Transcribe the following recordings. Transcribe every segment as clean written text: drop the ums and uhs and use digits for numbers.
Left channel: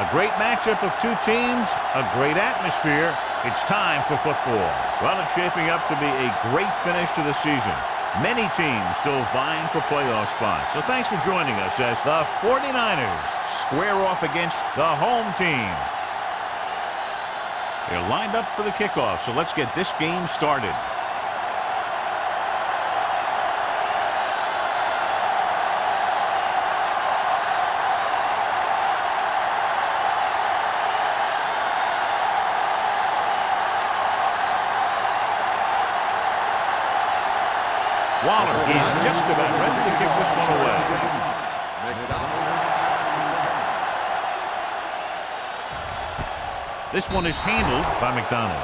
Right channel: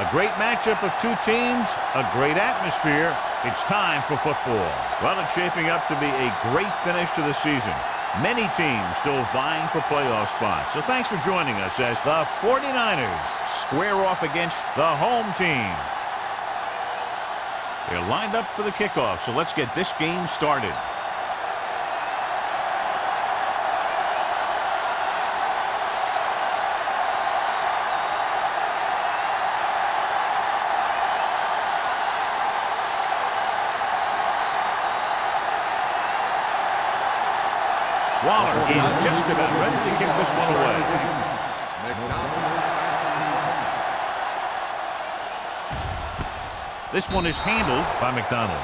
A great matchup of two teams, a great atmosphere. It's time for football. Well, it's shaping up to be a great finish to the season. Many teams still vying for playoff spots. So thanks for joining us as the 49ers square off against the home team. They're lined up for the kickoff, so let's get this game started. Waller is just about ready to kick this one away. This one is handled by McDonald.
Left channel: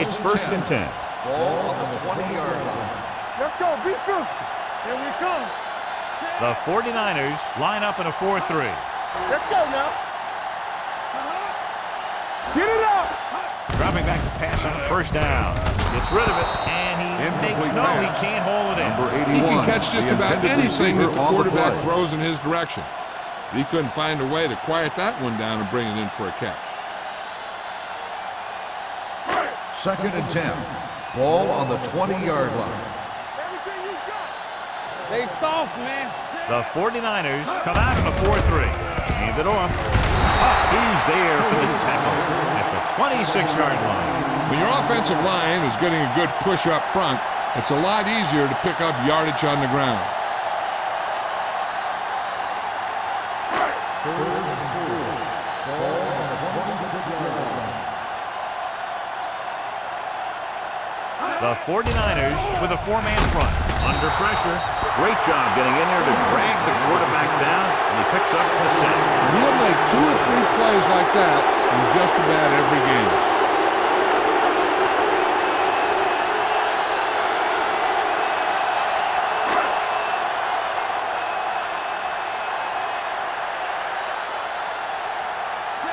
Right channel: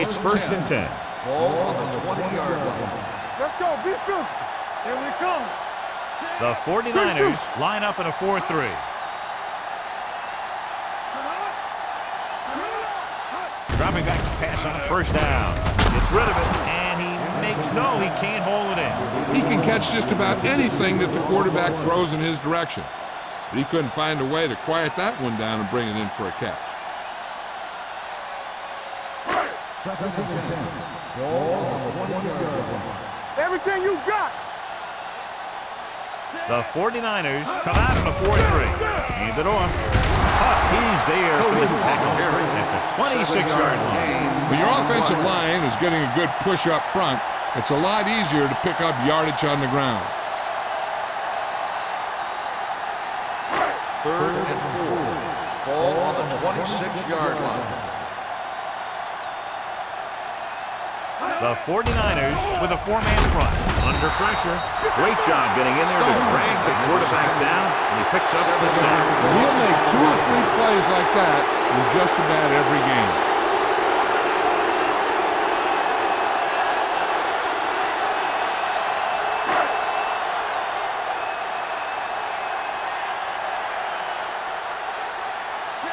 It's first and 10. Ball on the 20-yard line. Let's go. Be physical. Here we come. The 49ers line up in a 4-3. Let's go now. Get it out. Dropping back to pass on a first down. Gets rid of it, and he makes no, he can't hold it in. He can catch just about anything that the quarterback throws in his direction. But he couldn't find a way to quiet that one down and bring it in for a catch. Second and 10. Ball on the 20-yard line. Everything you got. They soft, man. The 49ers come out in a 4-3. Hand it off. Huff is there for the tackle at the 26-yard line. When your offensive line is getting a good push up front, it's a lot easier to pick up yardage on the ground. Third and 4. Ball on the 26-yard line. The 49ers with a 4-man front. Under pressure. Great job getting in there to drag the quarterback down, and he picks up the sack. He'll make 2 or 3 plays like that in just about every game.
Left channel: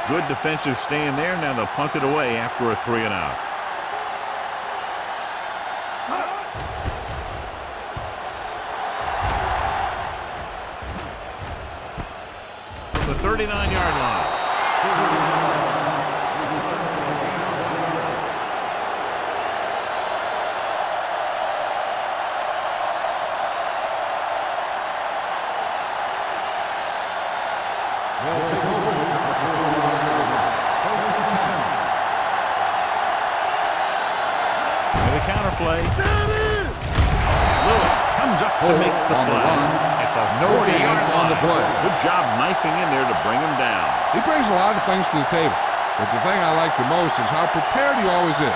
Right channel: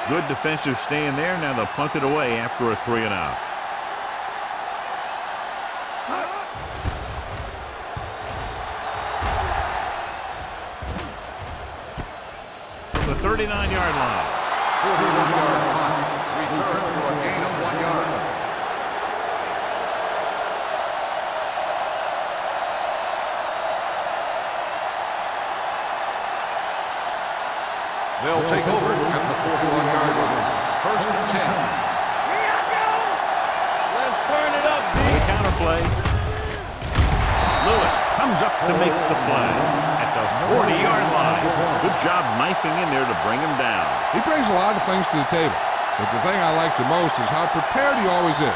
Good defensive stand there. Now they'll punt it away after a 3-and-out. The 39-yard line. 41-yard punt. Return for a gain of 1 yard. They'll take over at the 41-yard line. First and 10. With a counterplay. Lewis comes up to make the play at the 40-yard line. Good job knifing in there to bring him down. He brings a lot of things to the table, but the thing I like the most is how prepared he always is.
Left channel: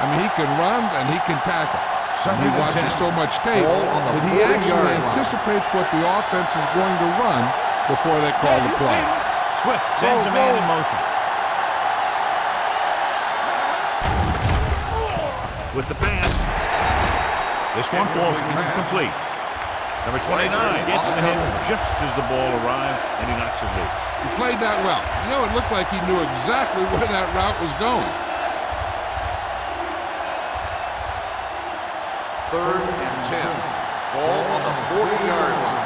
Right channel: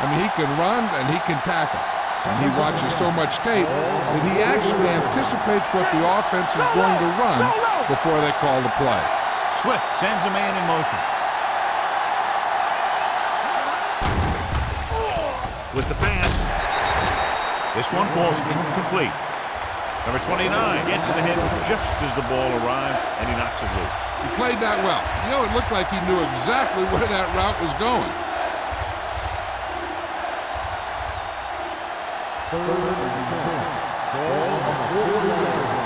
I mean, he can run and he can tackle. And he watches so much tape that he actually anticipates what the offense is going to run before they call the play. Swift sends a man in motion. With the pass. This one falls incomplete. Number 29 gets the hit just as the ball arrives, and he knocks it loose. He played that well. You know, it looked like he knew exactly where that route was going. Third and 10. Ball on the 40-yard line.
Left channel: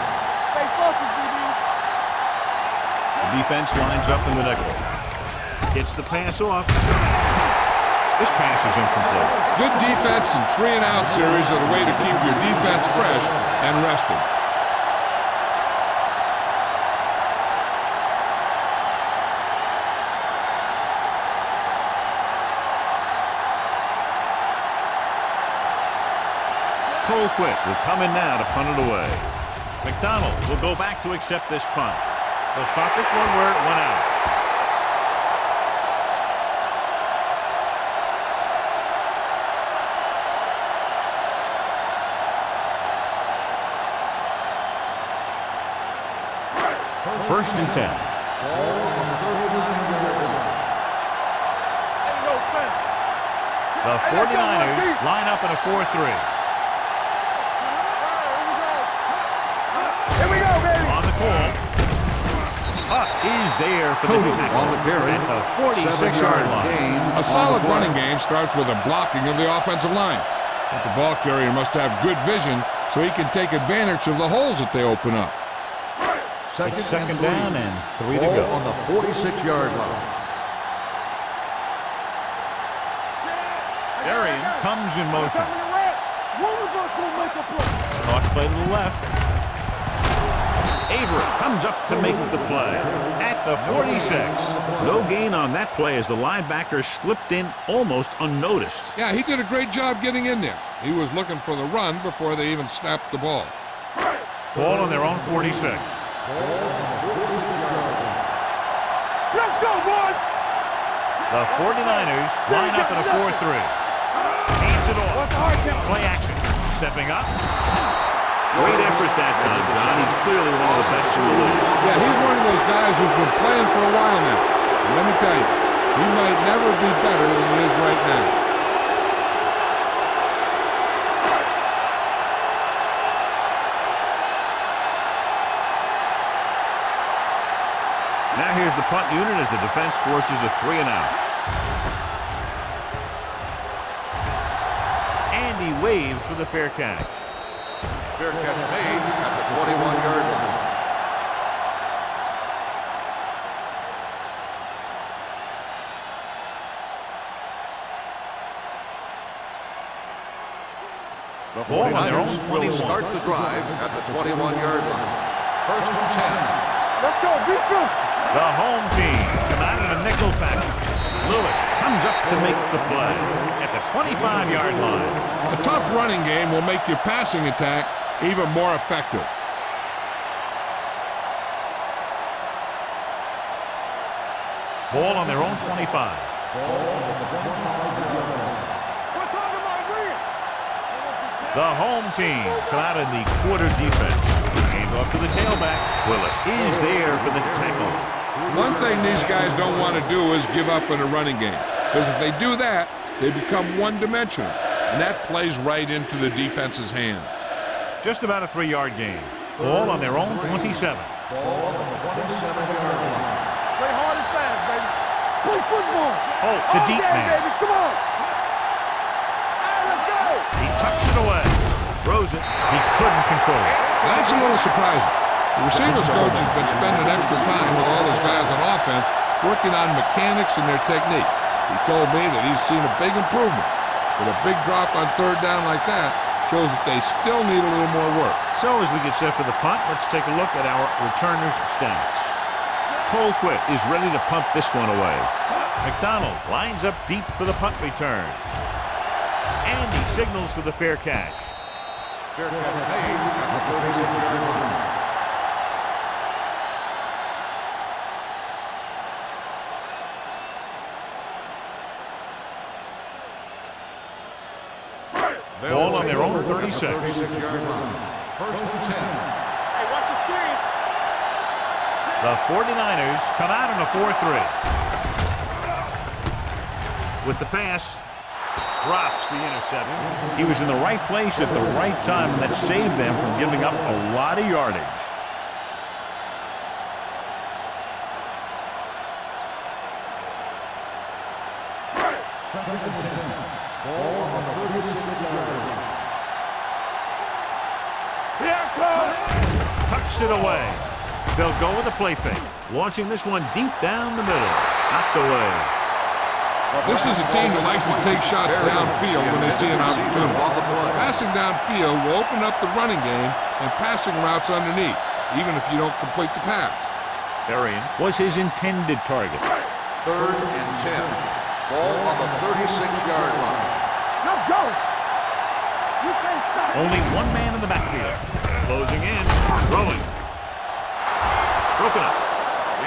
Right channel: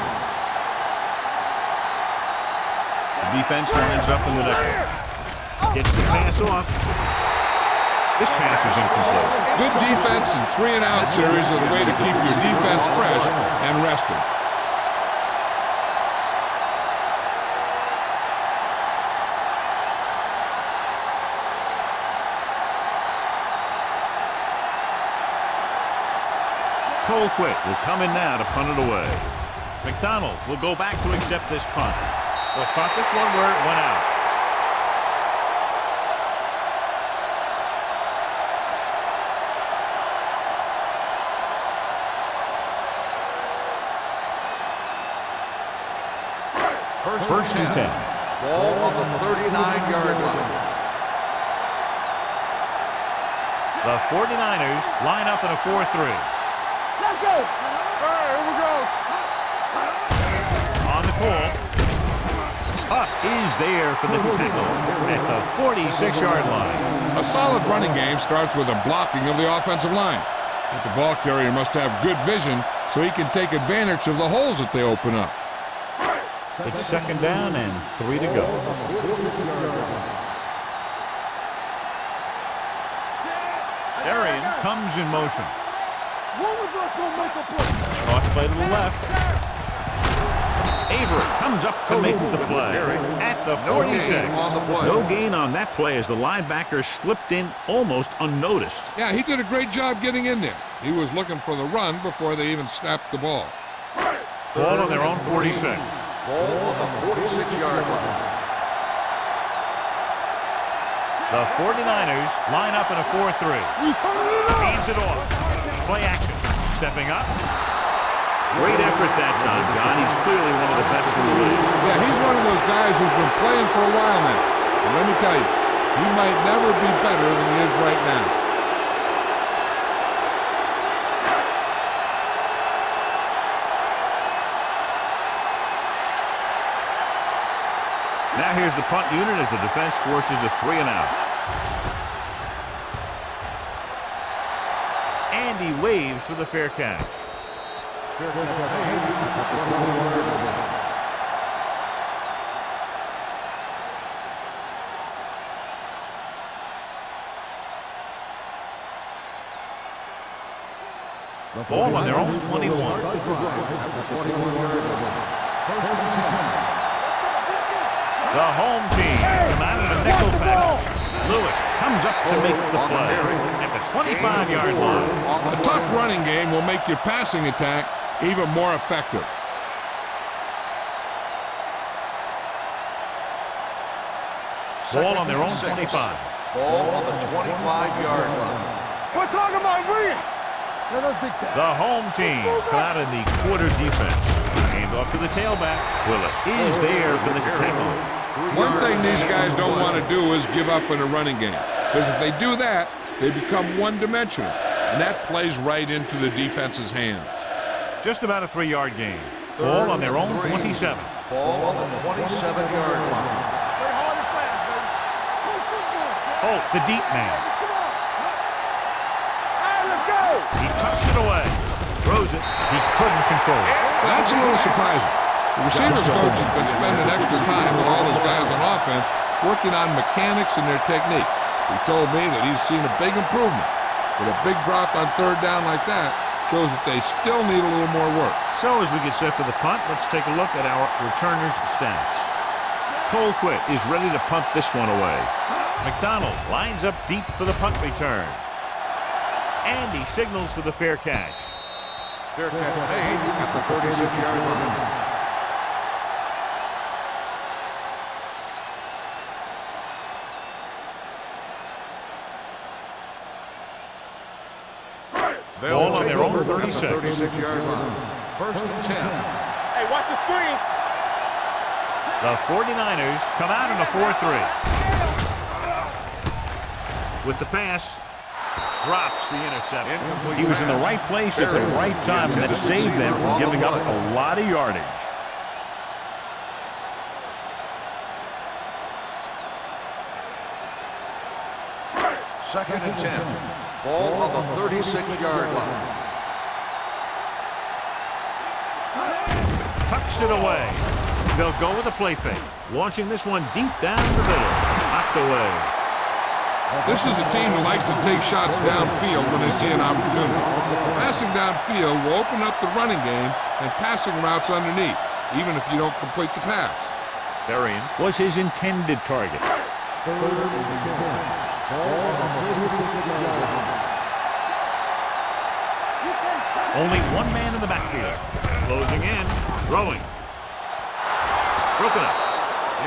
The defense lines up in the nickel. Gets the pass off. This pass is incomplete. Good defense and 3-and-out series are the way to keep your defense fresh and rested. Colquitt will come in now to punt it away. McDonald will go back to accept this punt. They'll spot this one where it went out. First and 10. Ball on the 39-yard line. The 49ers line up in a 4-3. On the call. Huff is there for the tackle at the 46-yard line. A solid running game starts with a blocking of the offensive line. But the ball carrier must have good vision so he can take advantage of the holes that they open up. It's second down and 3 to go. On the 46-yard line. Darian comes in motion. One of us will make a play. Toss play to the left. Avery comes up to make the play at the 46. No gain on that play as the linebacker slipped in almost unnoticed. Yeah, he did a great job getting in there. He was looking for the run before they even snapped the ball. Ball on their own 46. Ball on the 46-yard line. Let's go, boys. The 49ers line up in a 4-3. Hands it off. Play action. Stepping up. Great effort that time, John. He's clearly one of the best in the league. Yeah, he's one of those guys who's been playing for a while now. And let me tell you, he might never be better than he is right now. Now here's the punt unit as the defense forces a 3-and-out. And he waves for the fair catch. Fair catch made at the 21-yard line. The Ball on their own 21. Will start the drive at the 21-yard line. First and 10. Let's go, defense. The home team come out of a nickel package. Lewis comes up to make the play at the 25-yard line. A tough running game will make your passing attack even more effective. Ball on their own 25. Ball on the 25-yard line. We're talking about bringing. Let us be The home team come out in the quarter defense. Hand off to the tailback. Willis is there for the tackle. One thing these guys don't want to do is give up in a running game. Because if they do that, they become one-dimensional. And that plays right into the defense's hands. Just about a 3-yard gain. Ball on their own 27. Ball on the 27-yard line. Play hard and fast, baby. Play football. Oh, the deep Yeah, man. baby. Come on. All right, let's go. He tucks it away. Throws it. He couldn't control it. That's a little surprising. The receivers coach has been spending extra time with all his guys on offense working on mechanics and their technique. He told me that he's seen a big improvement. But a big drop on third down like that shows that they still need a little more work. So as we get set for the punt, let's take a look at our returners' stats. Colquitt is ready to punt this one away. McDonald lines up deep for the punt return. And he signals for the fair catch. Fair catch made at the 36-yard line. Ball on their own 36. 36-yard line. First and 10. Hey, watch the screen. The 49ers come out in a 4-3. With the pass, drops the interception. He was in the right place at the right time, and that saved them from giving up a lot of yardage. Second and 10. Ball on the 36-yard line. Tucks it away. They'll go with a play fake. Launching this one deep down the middle. Knocked away. This is a team that likes to take shots downfield when they see an opportunity. Passing downfield will open up the running game and passing routes underneath, even if you don't complete the pass. Darian was his intended target. Third and 10. Ball on the 36-yard line. Let's go. You can't stop. Only one man in the backfield. Closing in. Throwing. Broken up.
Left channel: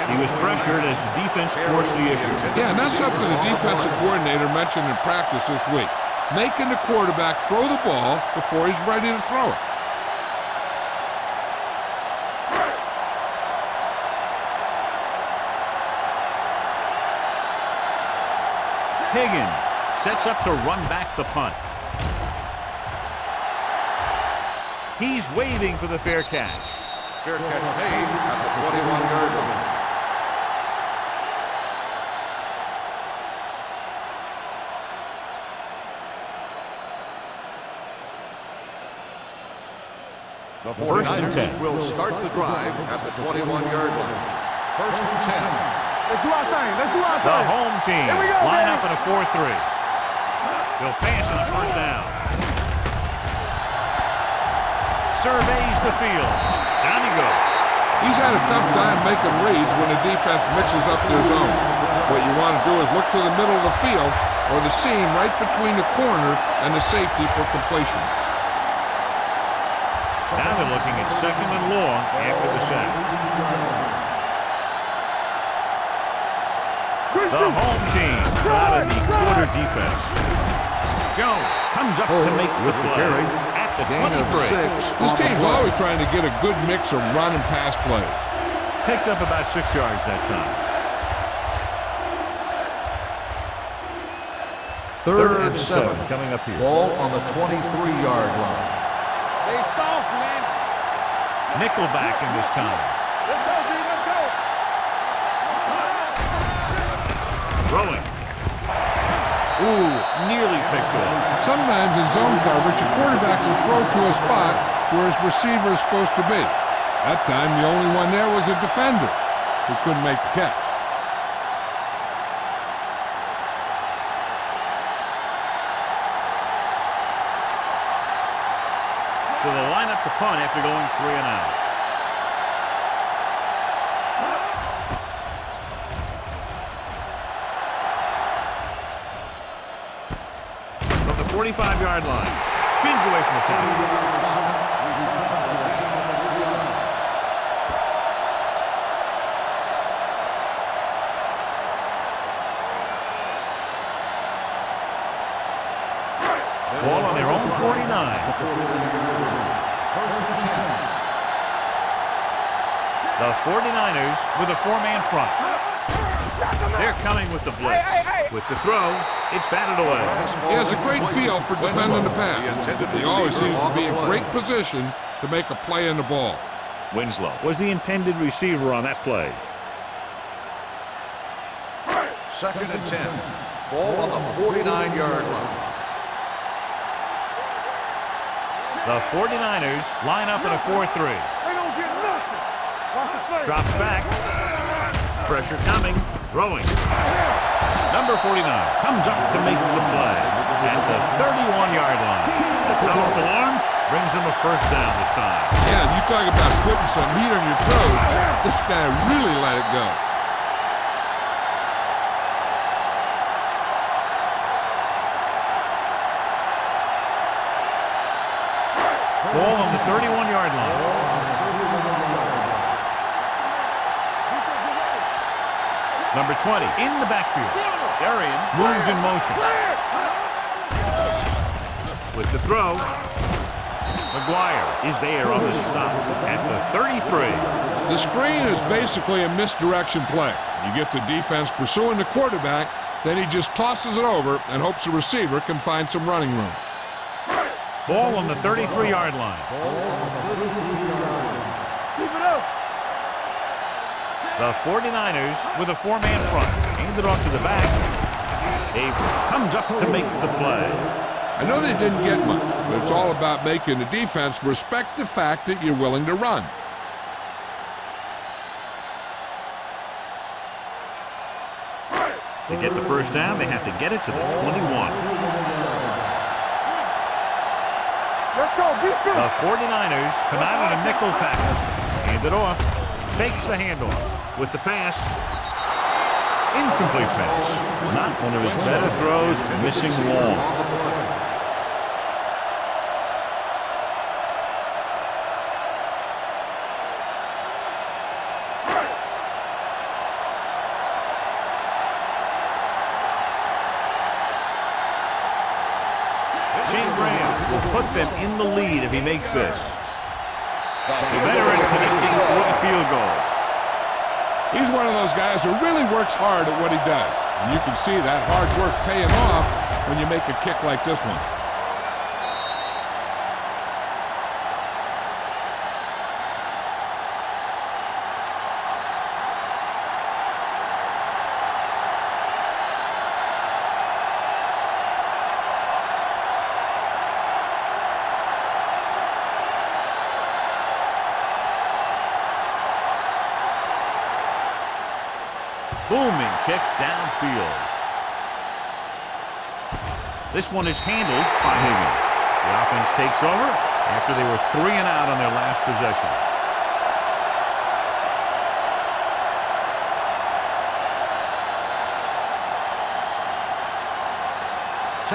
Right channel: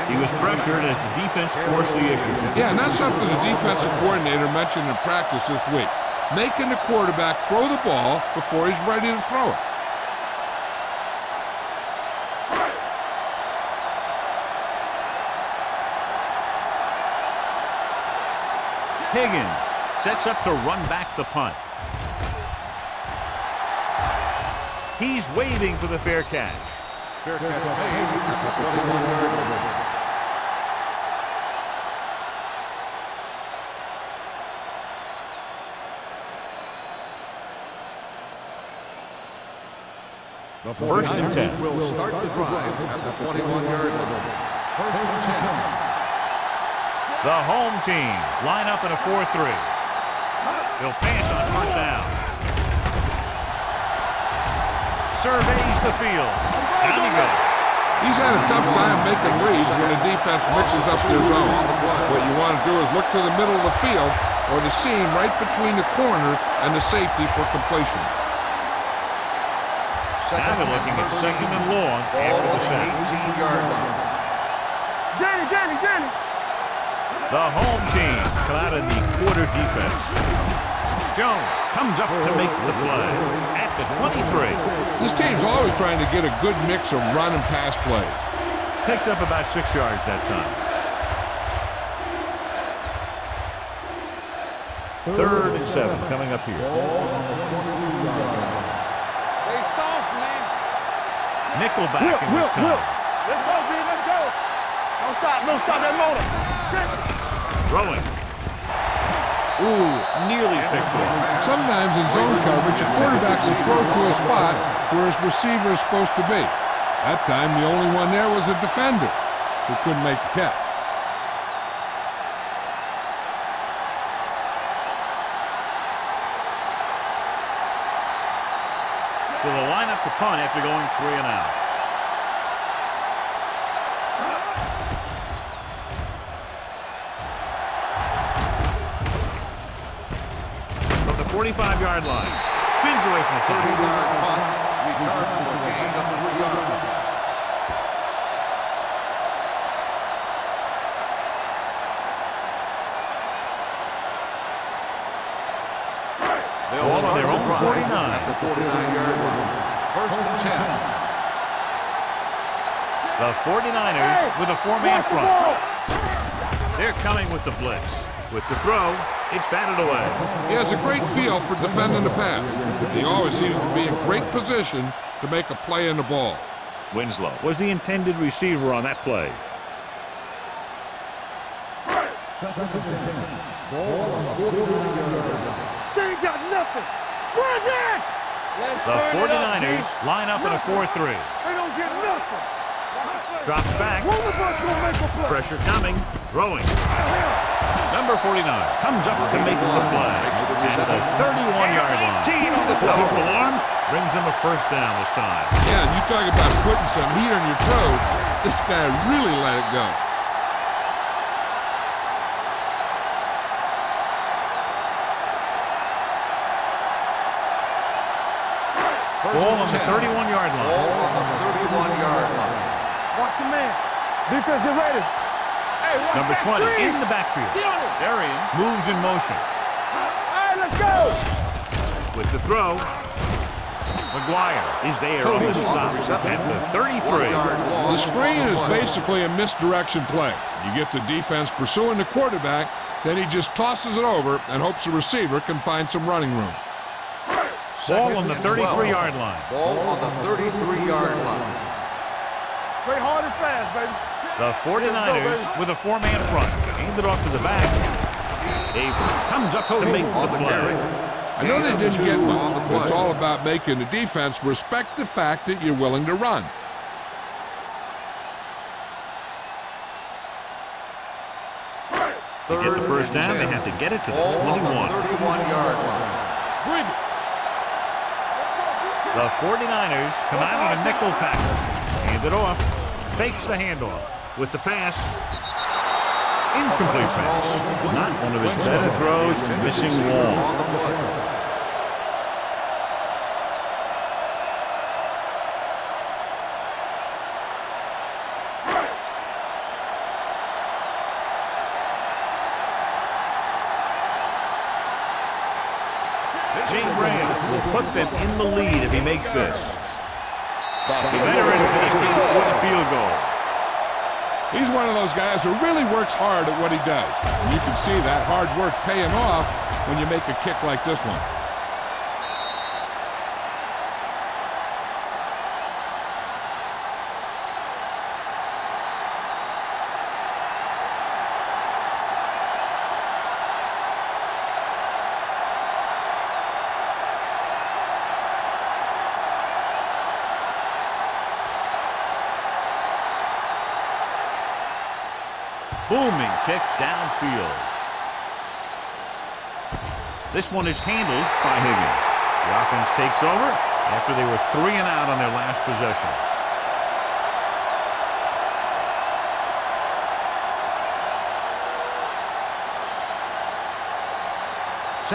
He was pressured as the defense forced the issue. Yeah, and that's something the defensive coordinator mentioned in practice this week. Making the quarterback throw the ball before he's ready to throw it. Higgins sets up to run back the punt. He's waving for the fair catch. Fair catch made at the 21-yard line. The First and 10. 49ers will start the drive at the 21-yard line. First and 10. Let's do our thing. Let's do our thing. The home team line up in a 4-3. They'll pass on first down. Surveys the field. Down he goes. He's had a tough time making reads when the defense mixes up their zone. What you want to do is look to the middle of the field or the seam right between the corner and the safety for completions. Now they're looking at second and long after the sack. 18-yard line. The home team come out of the quarter defense. Jones comes up to make the play at the 23. This team's always trying to get a good mix of run and pass plays. Picked up about 6 yards that time. Third and 7 coming up here. Ball on the 23-yard line. They soft, man. Nickelback in this time. Let's go, D. Let's go. Throwing. Ooh, nearly picked off. Sometimes in zone coverage, a quarterback will throw to a spot where his receiver is supposed to be. That time, the only one there was a defender who couldn't make the catch. So they'll line up to punt after going 3 and out. From the 45-yard line. Spins away from the tackle. 30-yard punt. Return for a gain of 3 yards. Ball on their own 49. At the 49-yard line. First and 10. The 49ers with a 4-man front. They're coming with the blitz. With the throw, it's batted away. He has a great feel for defending the pass. He always seems to be in great position to make a play in the ball. Winslow was the intended receiver on that play. Second and 10. Ball on the 49-yard line. They ain't got nothing. Run that. The 49ers line up in a 4-3. They don't get nothing. Watch the play. Drops back. Run the ball, you gonna make a play. Pressure coming. Throwing. Number 49 comes up to make the play at the 31-yard line. The powerful arm brings them a first down this time. Yeah, and you talk about putting some heat on your throat. This guy really let it go. Ball on the 31-yard line. Ball on the 31-yard line. Watch your man. Defense, get ready. Number 20 in the backfield. Darian moves in motion. Hey, let's go. With the throw, McGuire is there on the stop at the 33. The screen is basically a misdirection play. You get the defense pursuing the quarterback, then he just tosses it over and hopes the receiver can find some running room. Ball on the 33-yard line. Ball on the 33-yard line. Keep it up. Play hard and fast, baby. The 49ers with a 4-man front. Handed off to the back. Avery comes up to make the play. I know they didn't get much, but it's all about making the defense respect the fact that you're willing to run. To get the first down, they have to get it to the 21. 31-yard line. Bring it. Let's go. Defense. The 49ers come out in a nickel package. Hand it off. Fakes the handoff. With the pass. Incomplete pass. Not one of his better throws. Missing long. On the play. Shane Graham will put them in the lead if he makes this. The veteran connecting for the field goal. He's one of those guys who really works hard at what he does. And you can see that hard work paying off when you make a kick like this one. Booming kick downfield. This one is handled by Higgins. The offense takes over after they were 3 and out on their last possession.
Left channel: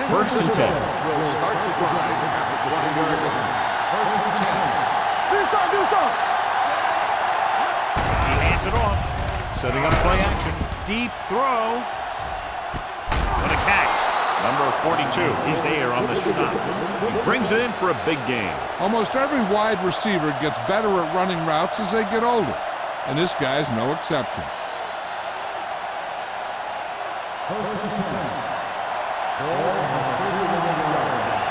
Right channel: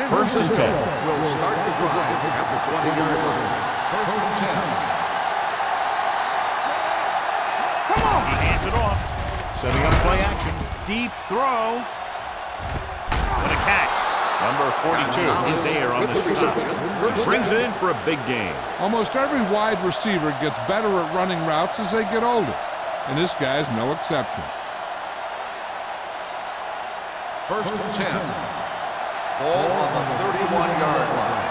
First and 10. Will start the drive at the 20-yard line. First and 10. He hands it off. Setting up play action. Deep throw. What a catch. Number 42 is there on the stop. He brings it in for a big gain. Almost every wide receiver gets better at running routes as they get older, and this guy's no exception. First and 10. Ball on the 31-yard line.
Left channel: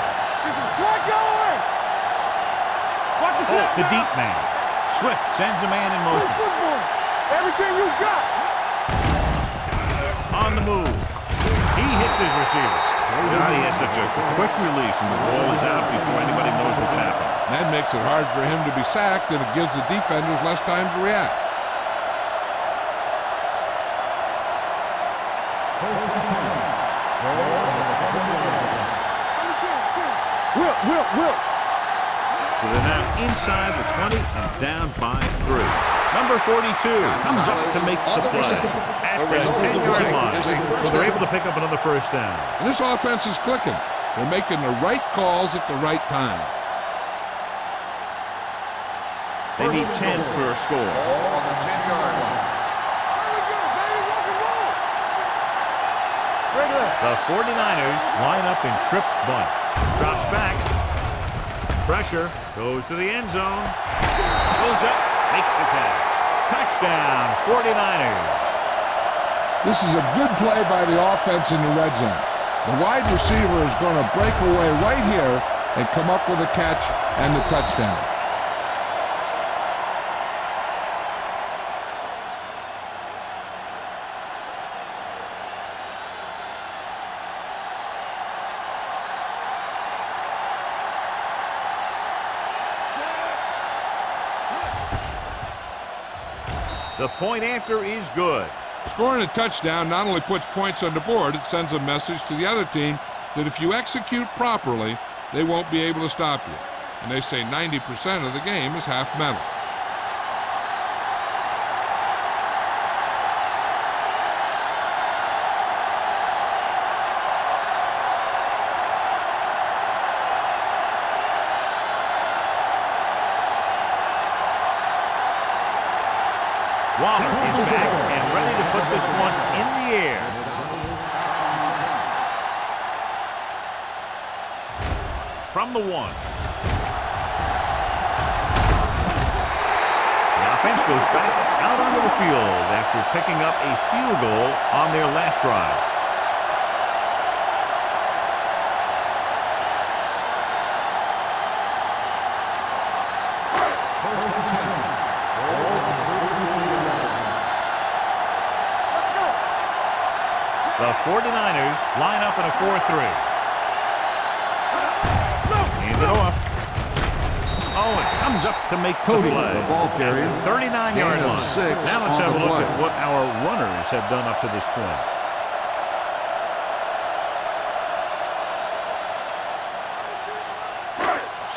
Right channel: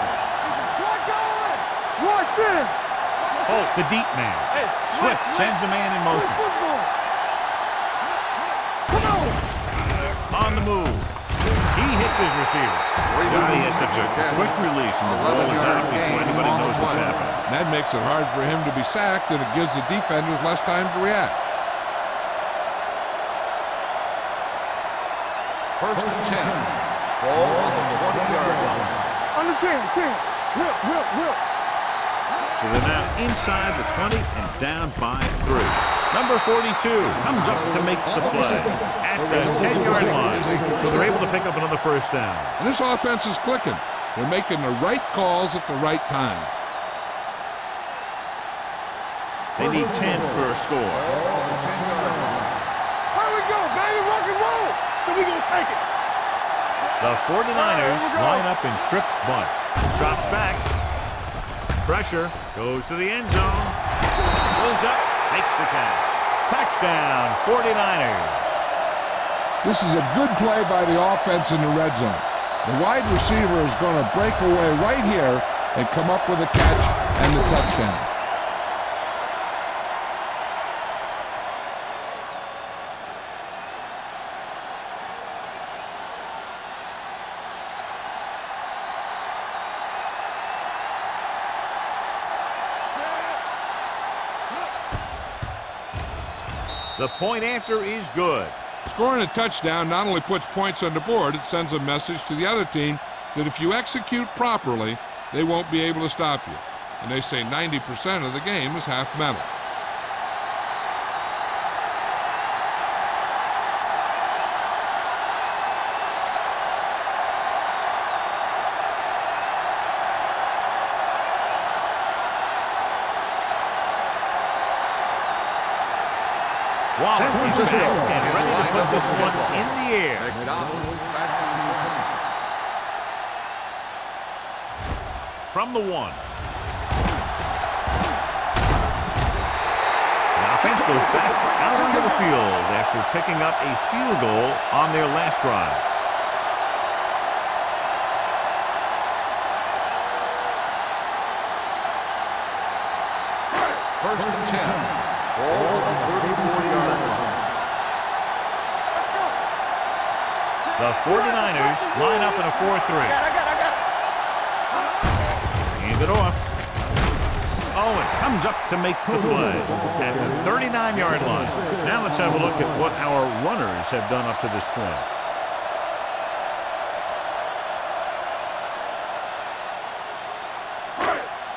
Slot going. Watch it. Watch the Oh, the deep man. Swift sends a man in motion. football. Everything you got. On the move. He hits his receiver. God, he has such a quick release, and the ball is out before anybody knows what's happening. That makes it hard for him to be sacked, and it gives the defenders less time to react. First and 10. Ball on the 20-yard line. Under 10. Will. So they're now inside the 20 and down by 3. Number 42 comes up to make the play at the 10-yard line. So they're able to pick up another first down. And this offense is clicking. They're making the right calls at the right time. They need 10 for a score. Ball on the 10-yard line. Here we go, baby. Rock and roll. So we gonna take it. The 49ers line up in Tripp's bunch. Drops back. Pressure. Goes to the end zone. Goes up. Makes the catch. Touchdown, 49ers. This is a good play by the offense in the red zone. The wide receiver is going to break away right here and come up with a catch and the touchdown. The point after is good. Scoring a touchdown not only puts points on the board, it sends a message to the other team that if you execute properly, they won't be able to stop you. And they say 90% of the game is half mental. Waller is back and ready to put this one in the air. From the 1. The offense goes back out onto the field after picking up a field goal on their last drive. First and 10. Ball on the 34-yard line. Let's go. The 49ers line up in a 4-3. Hand it off. Owen comes up to make the play at the 39-yard line. Now let's have a look at what our runners have done up to this point.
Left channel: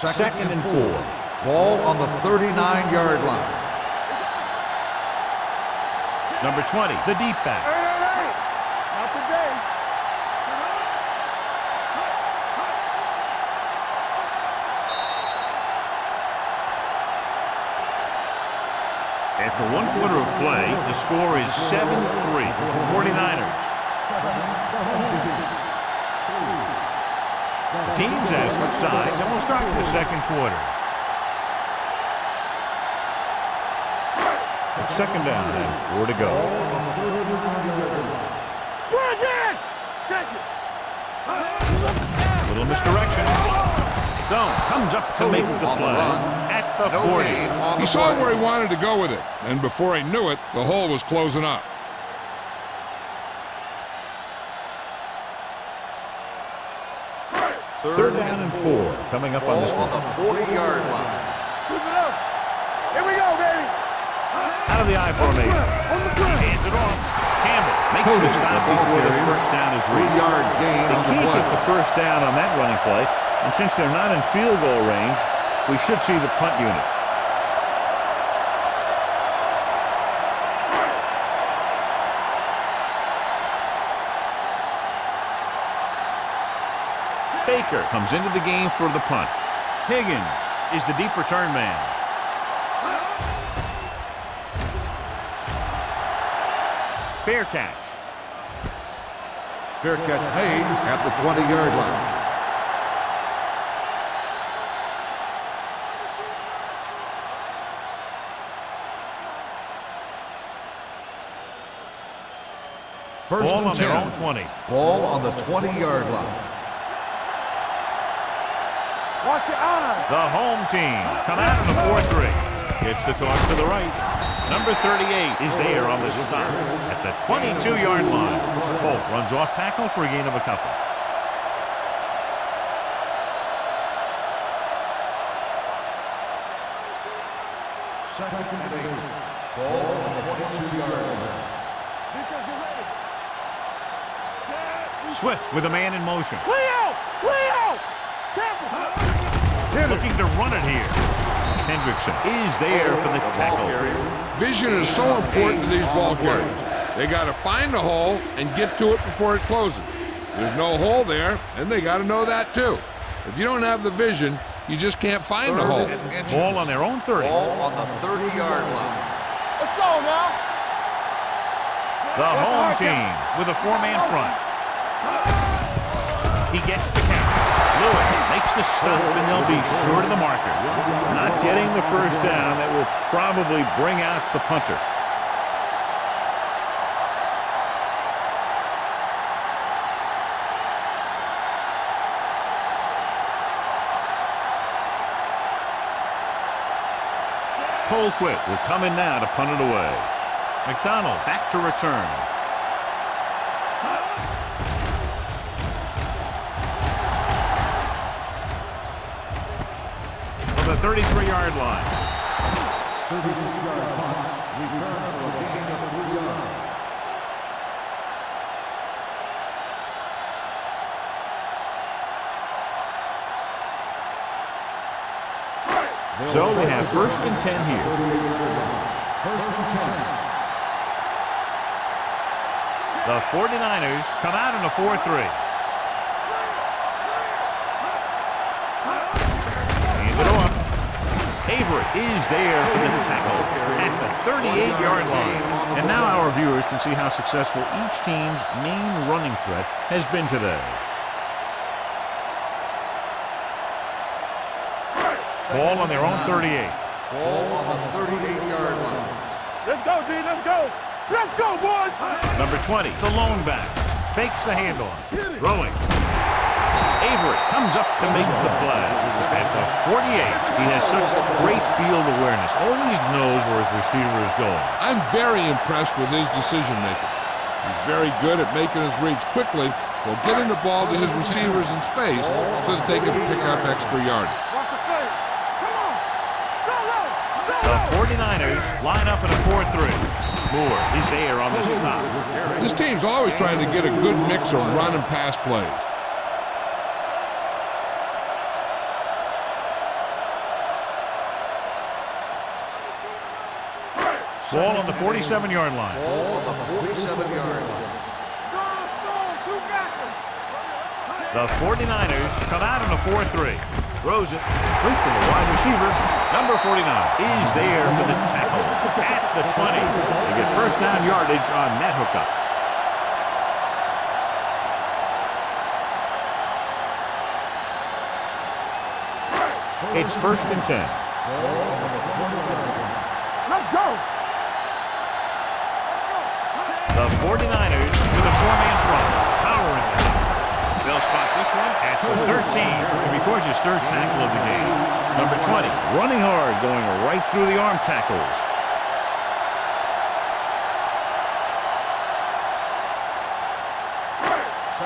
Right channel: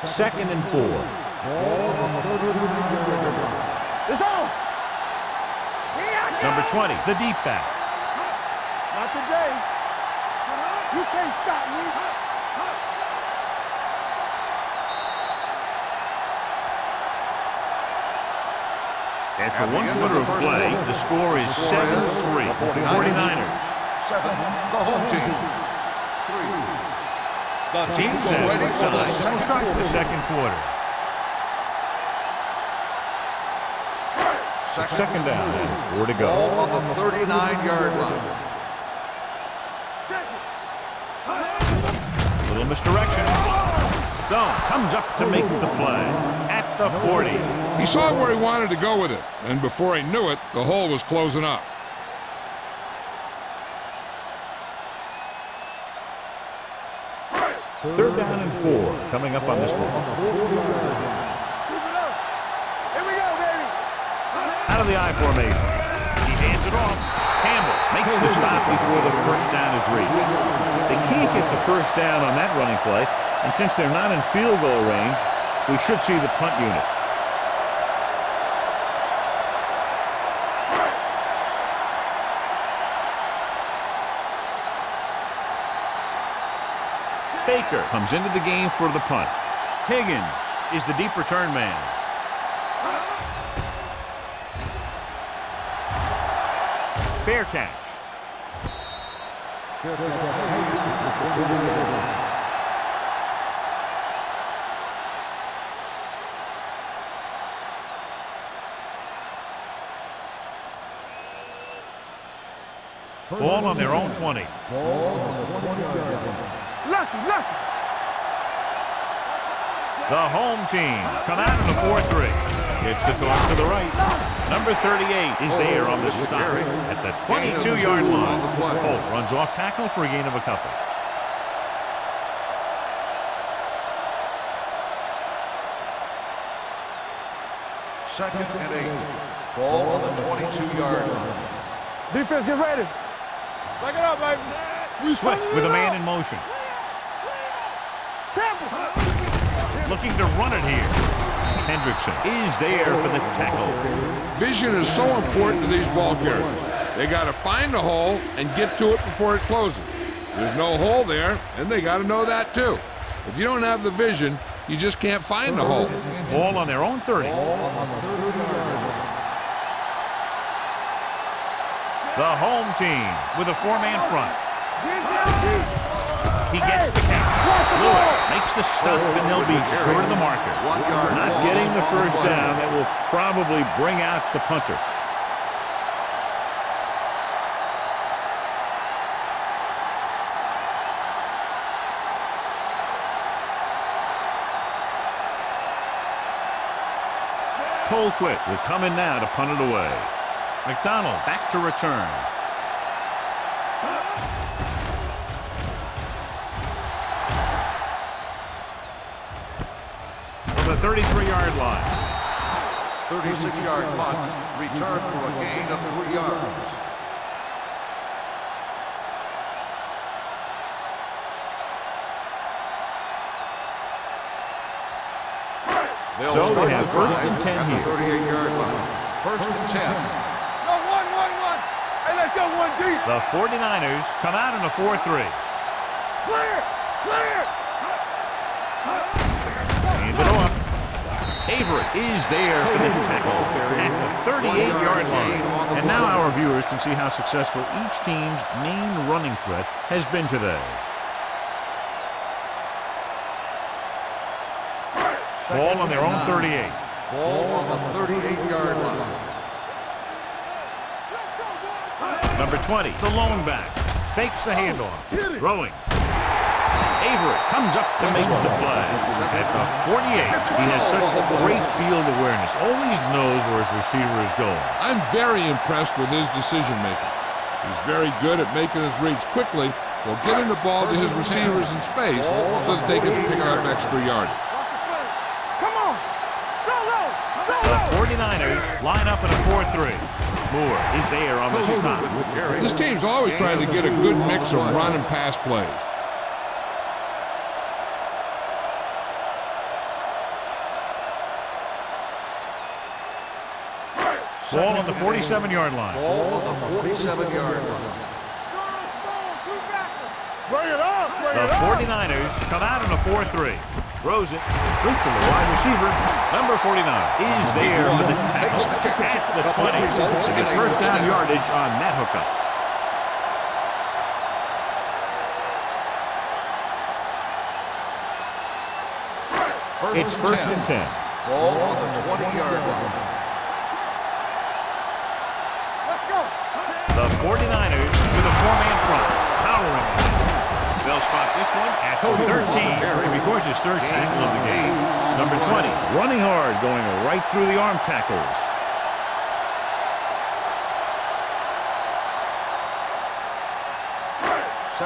Second and 4. Ball on the 39-yard line. It's on. Number 20, the deep back. Not today. You can't stop me. After 1 quarter of play, the score is 7-3. 49ers. 7, the home team. 3. The teams have switched sides, and we'll start the second quarter. It's second down and 4 to go. Ball on the 39-yard line. Check it. Little misdirection. Stone comes up to make the play at the 40. He saw where he wanted to go with it, and before he knew it, the hole was closing up. Third down and 4 coming up on this one. On the 40-yard line. Keep it up. Here we go, baby. Out of the I formation. He hands it off. Campbell Makes the stop before the first down is reached. They can't get the first down on that running play, and since they're not in field goal range, we should see the punt unit. Baker comes into the game for the punt. Higgins is the deep return man. Fair catch. Fair catch made at the 20-yard line. Ball on their own 20. Ball on the 20-yard line. Watch your eyes. The home team come out in a 4-3. Gets the toss to the right. Number 38 is there on the stop at the 22-yard line. Holt runs off tackle for a gain of a couple. Second and 8. Ball on the 22-yard line. Defense, get ready. Back it up, ladies. Swift with a man in motion. Way out. Temple. Looking to run it here. Hendrickson is there for the tackle. Vision is so important to these ball carriers. They got to find the hole and get to it before it closes. There's no hole there, and they got to know that too. If you don't have the vision, you just can't find the hole. Ball on their own 30. Ball on the 30-yard line. Let's go now. The home team with a 4-man front. He gets the count. Lewis makes the stop, and they'll be short of the marker. Not getting the first down. That will probably bring out the punter. Colquitt will come in now to punt it away. McDonald back to return. From the 33-yard line. 36-yard punt. Return for a gain of 3 yards. So they have 1st and 10 here. 1st and 10. Hey, let's go one deep. The 49ers come out in a 4-3. Clear. Hand it off. Avery is there for the tackle at the 38-yard line. And now our viewers can see how successful each team's main running threat has been today. Ball on their own 38. Ball on the 38-yard line. Let's go, D. Let's go, boys. Number 20, the lone back. Fakes the handoff. Throwing. Avery comes up to make the play. At the 48, he has such great field awareness. Always knows where his receiver is going. I'm very impressed with his decision making. He's very good at making his reads quickly while getting the ball to his receivers in space so that they can pick up extra yardage. Watch the play. Come on. The 49ers line up in a 4-3. Moore is there on the stop. This team's always trying to get a good mix of run and pass plays. Ball on the 47-yard line. Ball on the 47-yard line. Strong, two backers. Bring it on. The 49ers come out in a 4-3. Throws it. Quick from the wide receiver. Number 49 is there for the tackle at the 20 to get first down yardage on that hookup. It's 1st and 10. Ball on the 20-yard line. The 49ers with a 4-man front, powering ahead. They'll spot this one at the 13, and records his 3rd tackle of the game. Number 20, running hard, going right through the arm tackles.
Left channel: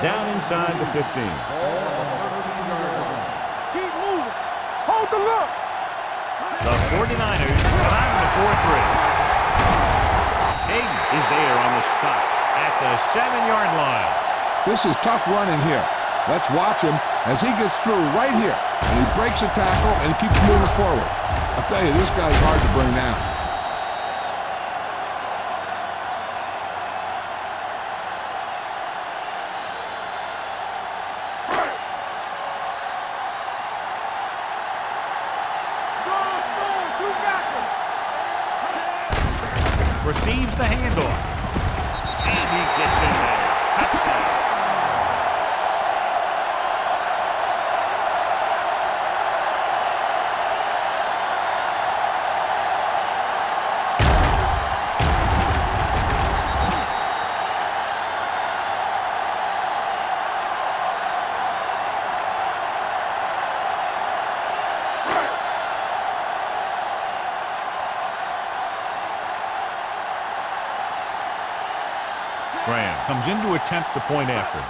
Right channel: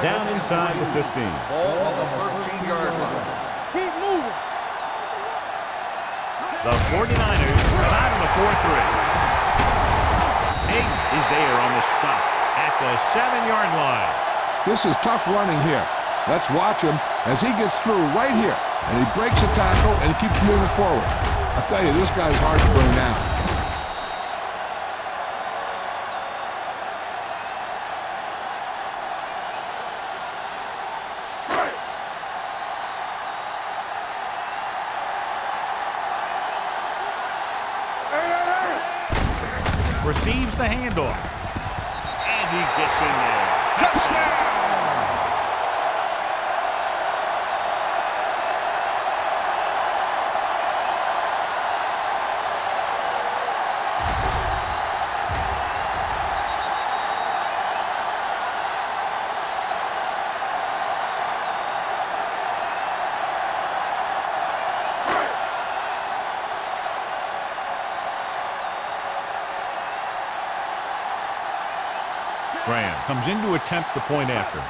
Down inside the 15. Ball on the 13-yard line. Keep moving. Hold the look. The 49ers come out in a 4-3. Hayden is there on the stop at the 7-yard line. This is tough running here. Let's watch him as he gets through right here. And he breaks a tackle and he keeps moving forward. I'll tell you, this guy's hard to bring down. Receives the handoff. And he gets in there. Touchdown. Graham comes in to attempt the point after.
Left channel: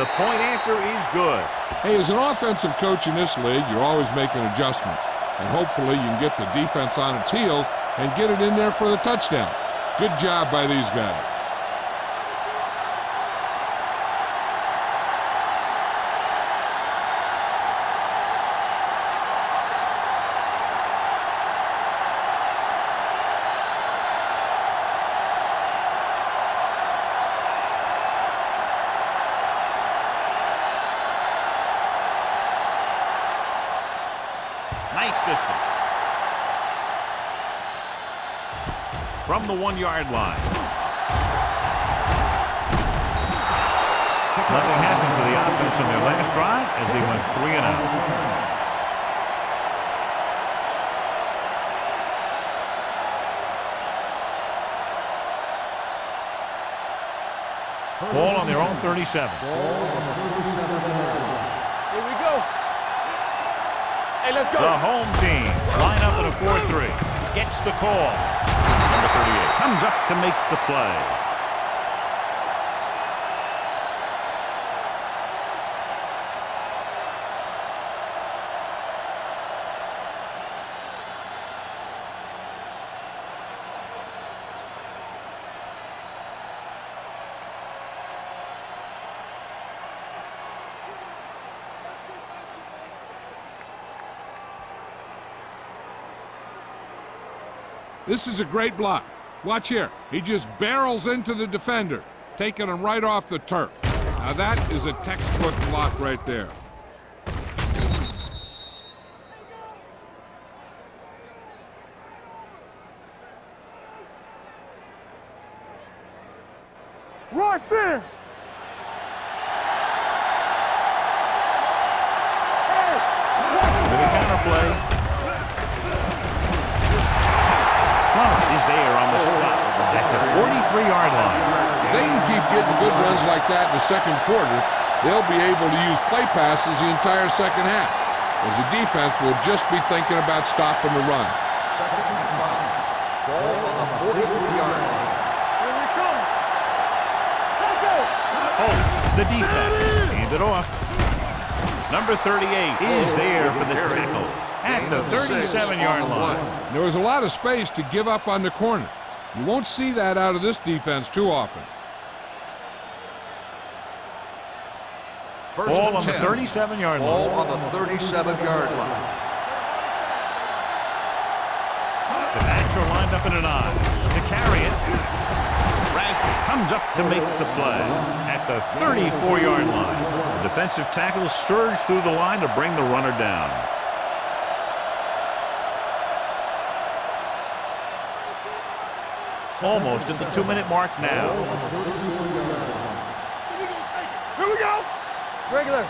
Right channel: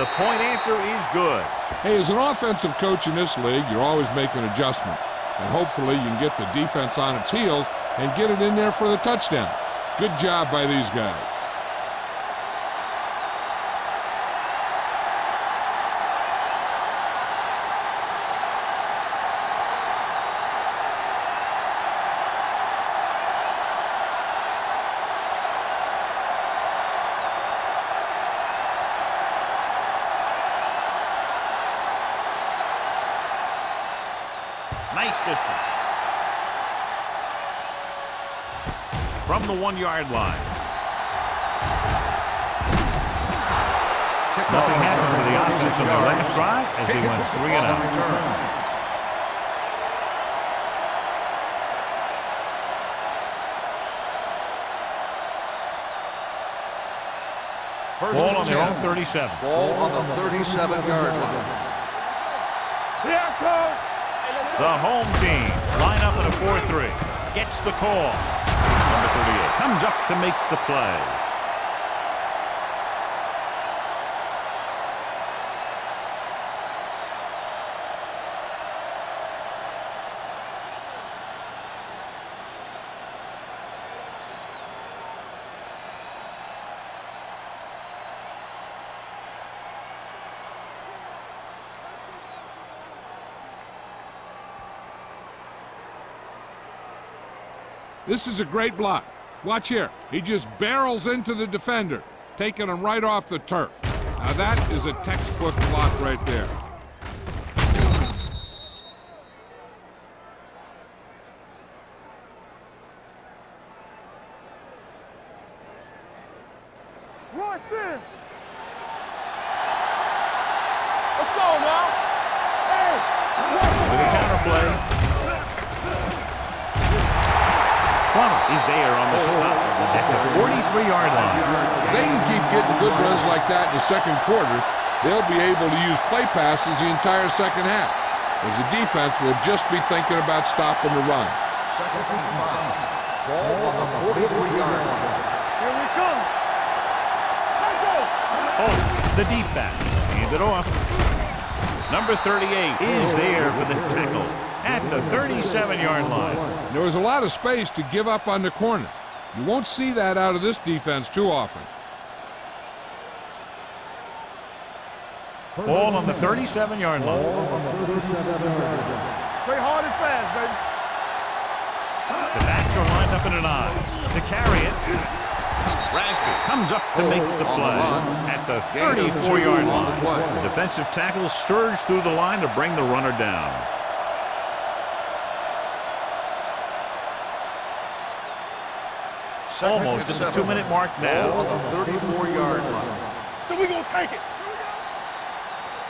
The point after is good. Hey, as an offensive coach in this league, you're always making adjustments. And hopefully you can get the defense on its heels and get it in there for the touchdown. Good job by these guys. Nice distance. From the 1-yard line. Nothing happened for the offense on their last drive as they went 3 and out. Ball on their own 37. Ball on the 37-yard line. Let's go. The home team line up in a 4-3. Gets the call. Number 38 comes up to make the play. This is a great block. Watch here. He just barrels into the defender, taking him right off the turf. Now that is a textbook block right there. Rush in. Let's go, man. Hey. With a counterplay. Plummer is there on the stop at the 43-yard line. If they can keep getting good runs like that in the second quarter, they'll be able to use play passes the entire second half, as the defense will just be thinking about stopping the run. 2nd and 5. Ball on the 43-yard line. Here we come. Let's go. Oh, the deep back. Hand it off. Number 38 is there for the tackle at the 37-yard line. There was a lot of space to give up on the corner. You won't see that out of this defense too often. Ball on the 37-yard line. Ball on the 37-yard line. Play hard and fast, baby. The backs are lined up in an I. To carry it, Rasby comes up to make the play at the 34-yard line. The defensive tackle surged through the line to bring the runner down. Almost at the 2-minute mark now. Ball on the 34-yard line. So we gonna take it. Here we go. Regular.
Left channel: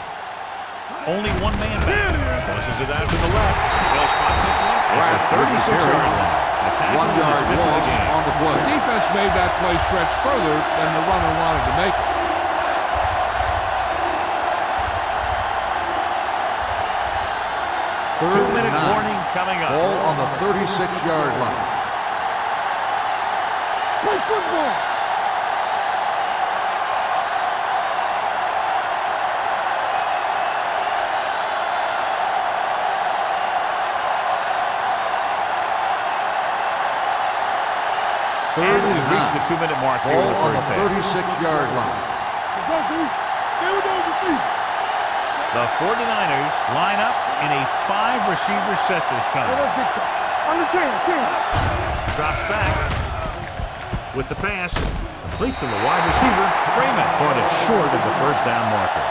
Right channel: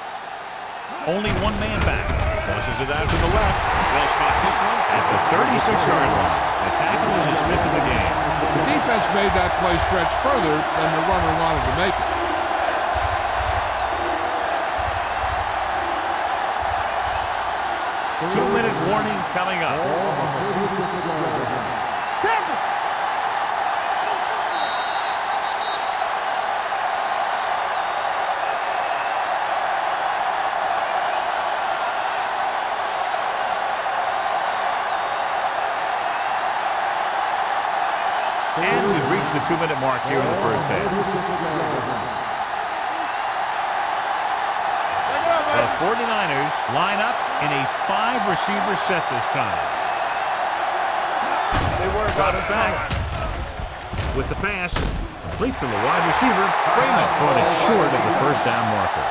Only one man back. Tosses it out to the left. They'll spot this one at the 36-yard line. The tackle is his 5th of the game. The defense made that play stretch further than the runner wanted to make it. Two-minute warning coming up. Ball on the 36-yard line. Play football. And we've reached the 2-minute mark here in the first half. 36-yard line. The 49ers line up in a 5-receiver set this time. Drops back with the pass. Complete to the wide receiver. Freeman caught it short of the first down marker.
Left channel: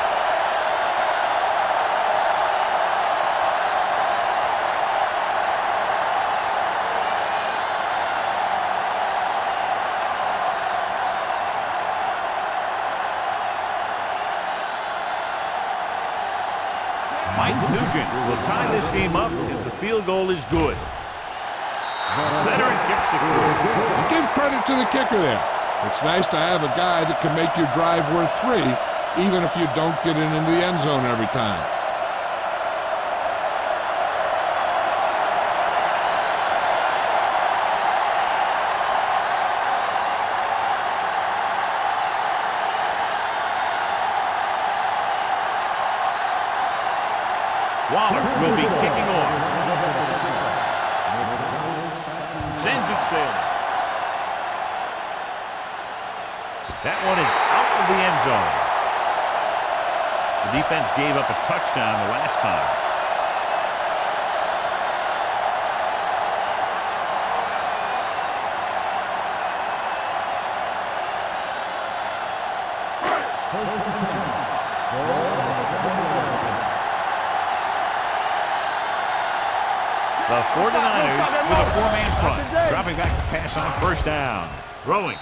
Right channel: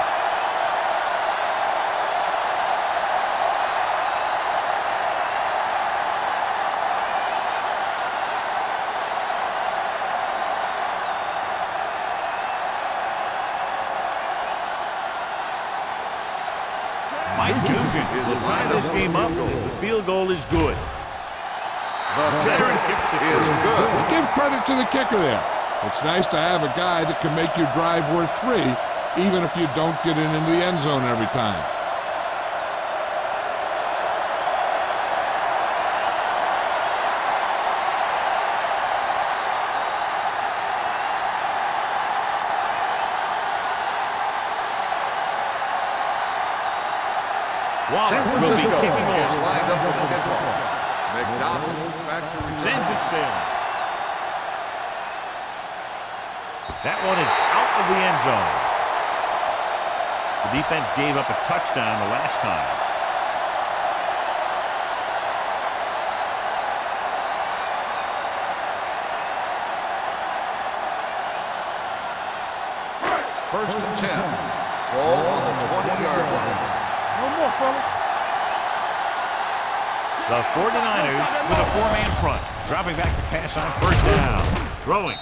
Mike Nugent will tie this game up if the field goal is good. Veteran kicks it through. And give credit to the kicker there. It's nice to have a guy that can make your drive worth 3, even if you don't get it into the end zone every time. Waller will be kicking off. Sends it sailing. That one is out of the end zone. The defense gave up a touchdown the last time. First and 10. Ball on the 20-yard line. The 49ers with a 4-man front. Dropping back to pass on first down. Throwing.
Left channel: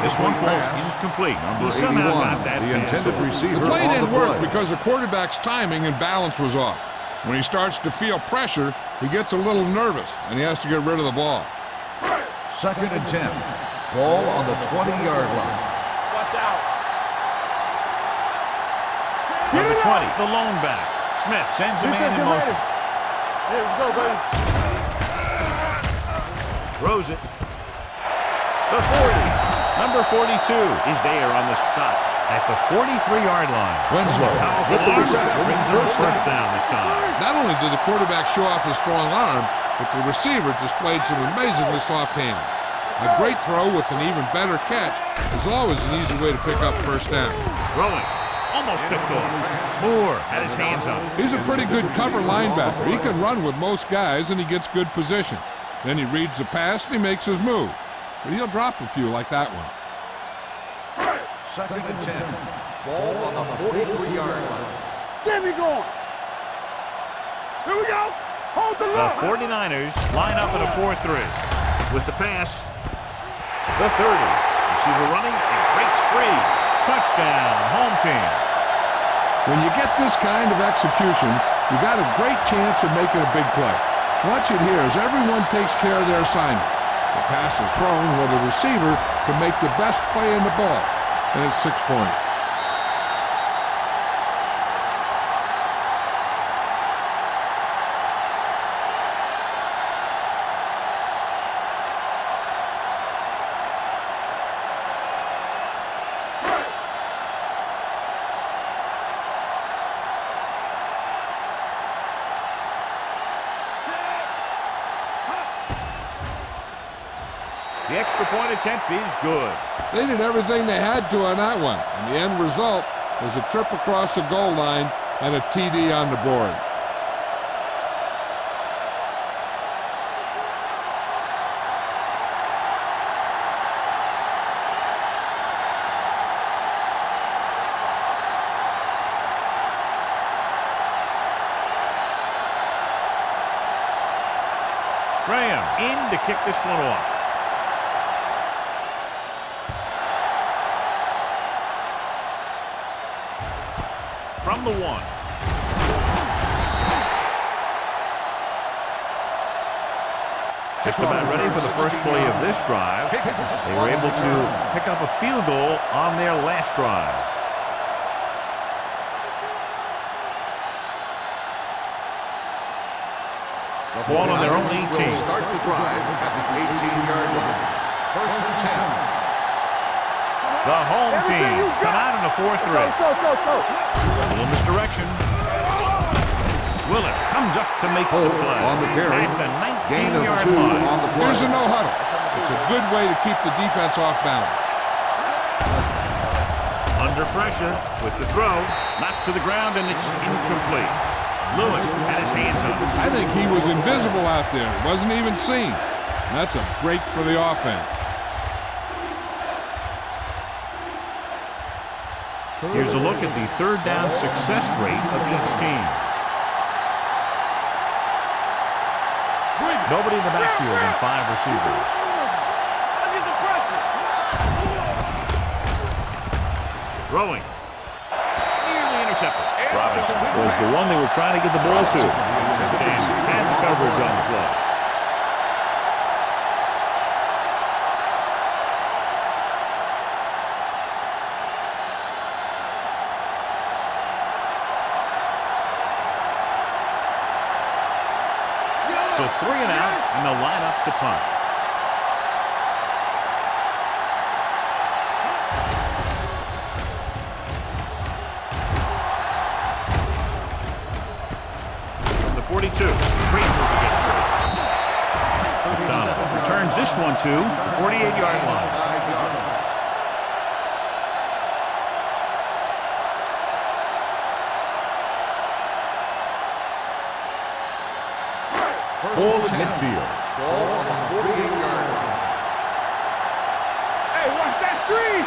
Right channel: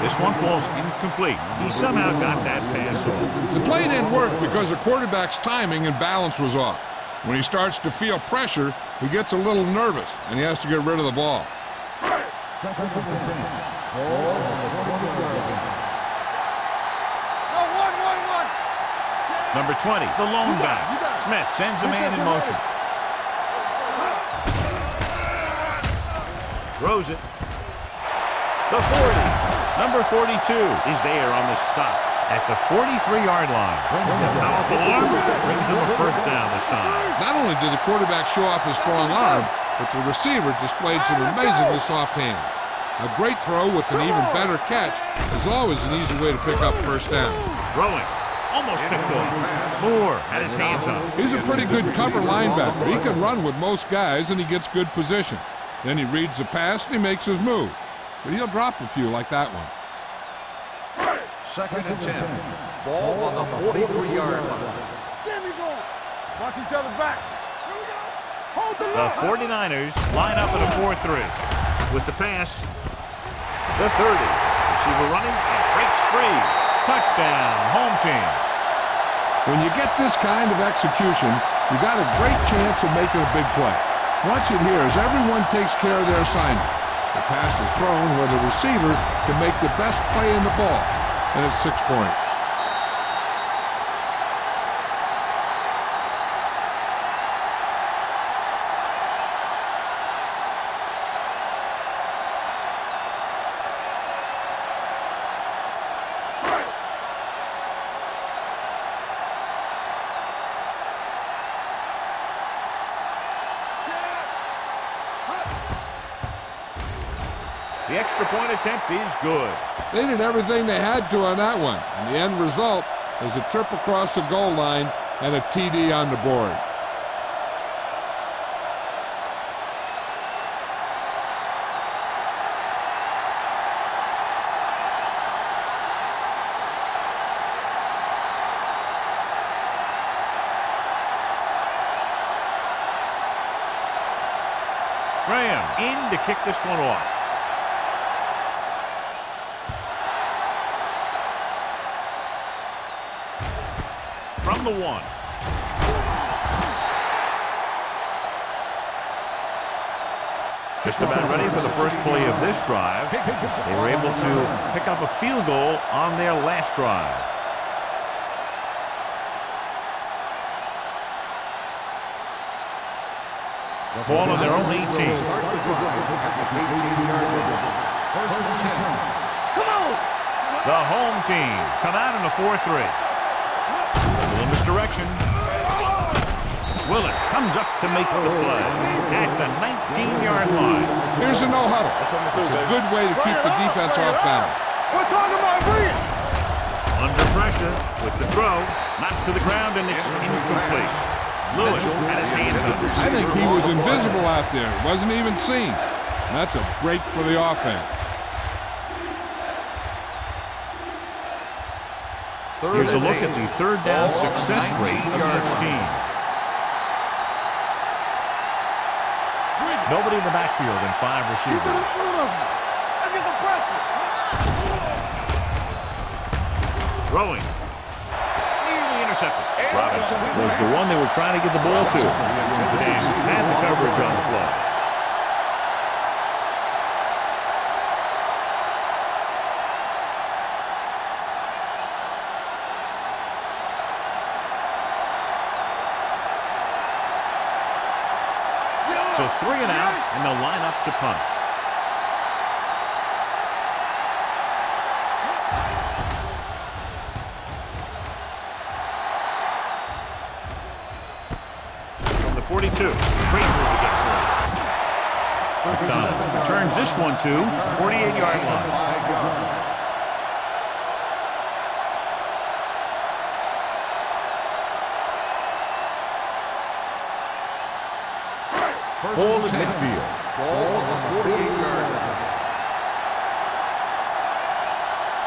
This one falls incomplete. He somehow got that pass off. The play didn't work because the quarterback's timing and balance was off. When he starts to feel pressure, he gets a little nervous, and he has to get rid of the ball. Second and 10. Ball on the 20-yard line. Number 20, the lone back. Smith sends a man in motion. Throws it. The 40. Number 42 is there on the stop at the 43-yard line. The powerful arm brings them a first down this time. Not only did the quarterback show off his strong arm, but the receiver displayed some amazingly soft hands. A great throw with an even better catch is always an easy way to pick up first down. Throwing. Almost picked off. Moore had his hands on it. He's a pretty good cover linebacker. He can run with most guys, and he gets good position. Then he reads the pass, and he makes his move. But he'll drop a few like that one. Second and 10. Ball on the 43-yard line. Get me going. Watch each other back. Here we go. Hold the line. The 49ers line up in a 4-3. With the pass, the 30. Receiver running and breaks free. Touchdown, home team. When you get this kind of execution, you got a great chance of making a big play. Watch it here as everyone takes care of their assignment. The pass is thrown where the receiver can make the best play in the ball, and it's 6 points. The extra point attempt is good. They did everything they had to on that one, and the end result is a trip across the goal line and a TD on the board. Graham in to kick this one off. From the 1. Just about ready for the first play of this drive. They were able to pick up a field goal on their last drive. The ball on their own 18. Will start the drive at the 18-yard line. First and 10. The home team come out in a 4-3. A little misdirection. Willis comes up to make the play at the 15-yard line. Here's a no huddle. It's a good way to keep the defense off balance. Under pressure with the throw, knocked to the ground, and it's incomplete. Lewis had his hands on it. I think he was invisible out there. Wasn't even seen. That's a break for the offense. Here's a look at the third down success rate of each team. Nobody in the backfield and 5 receivers. Throwing. Nearly intercepted. Robinson was the one they were trying to get the ball to. Dan had the coverage on the play. So 3 and out, and they'll line up to punt. From the 42, great move to get free. McDonald returns this one to the 48-yard line. 5 yards. Ball at midfield. Ball on the 48-yard line. Hey, watch that screen.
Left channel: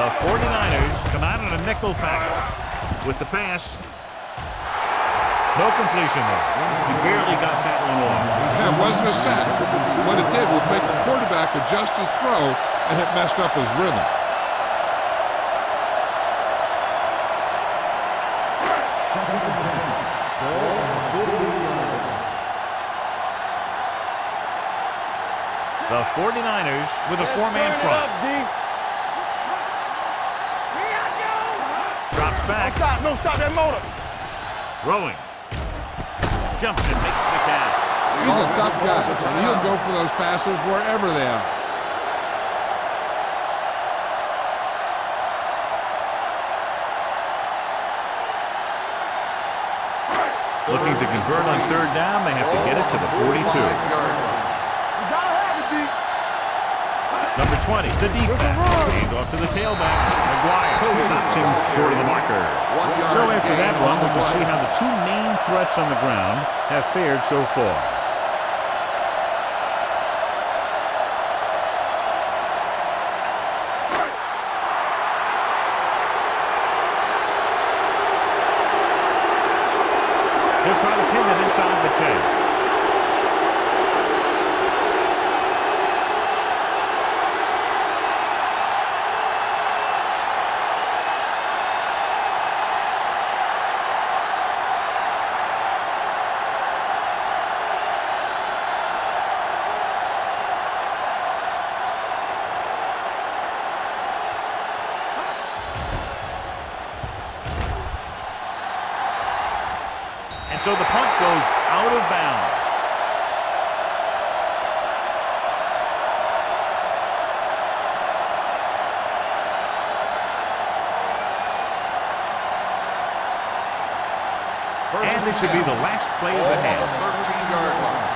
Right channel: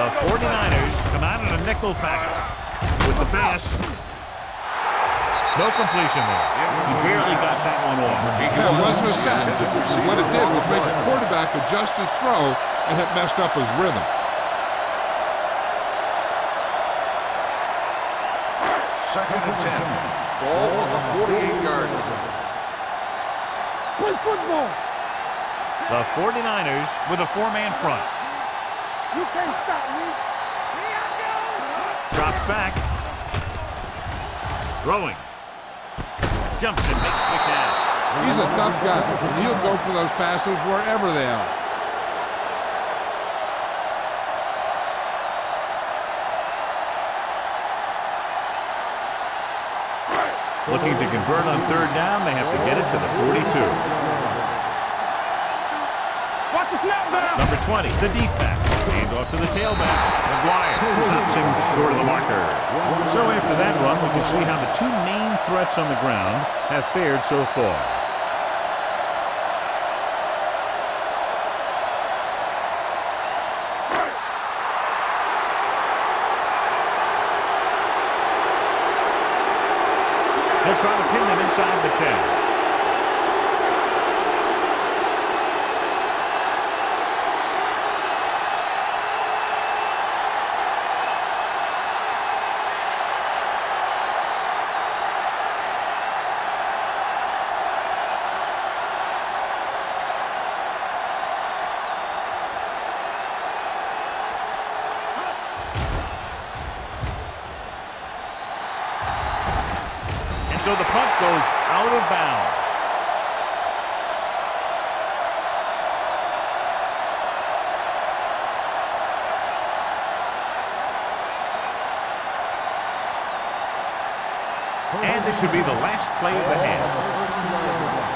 The 49ers come out in a nickel package with the pass. No completion there. He barely got that one off. Yeah, it wasn't a sack. What it did was make the quarterback adjust his throw, and it messed up his rhythm. Second and 10. Ball on the 48-yard line. Play football. The 49ers with a 4-man front. Drops back. No, stop that motor. Throwing. Jumps and makes the catch. He's a tough guy, and he'll go for those passes wherever they are. Looking to convert on third down, they have to get it to the 42. Number 20, the deep back. Hand off to the tailback. McGuire stops him short of the marker. So after that run, we can see how the 2 main threats on the ground have fared so far. He'll try to pin them inside the 10. And so the punt goes out of bounds. And this should be the last play of the half. 13-yard line.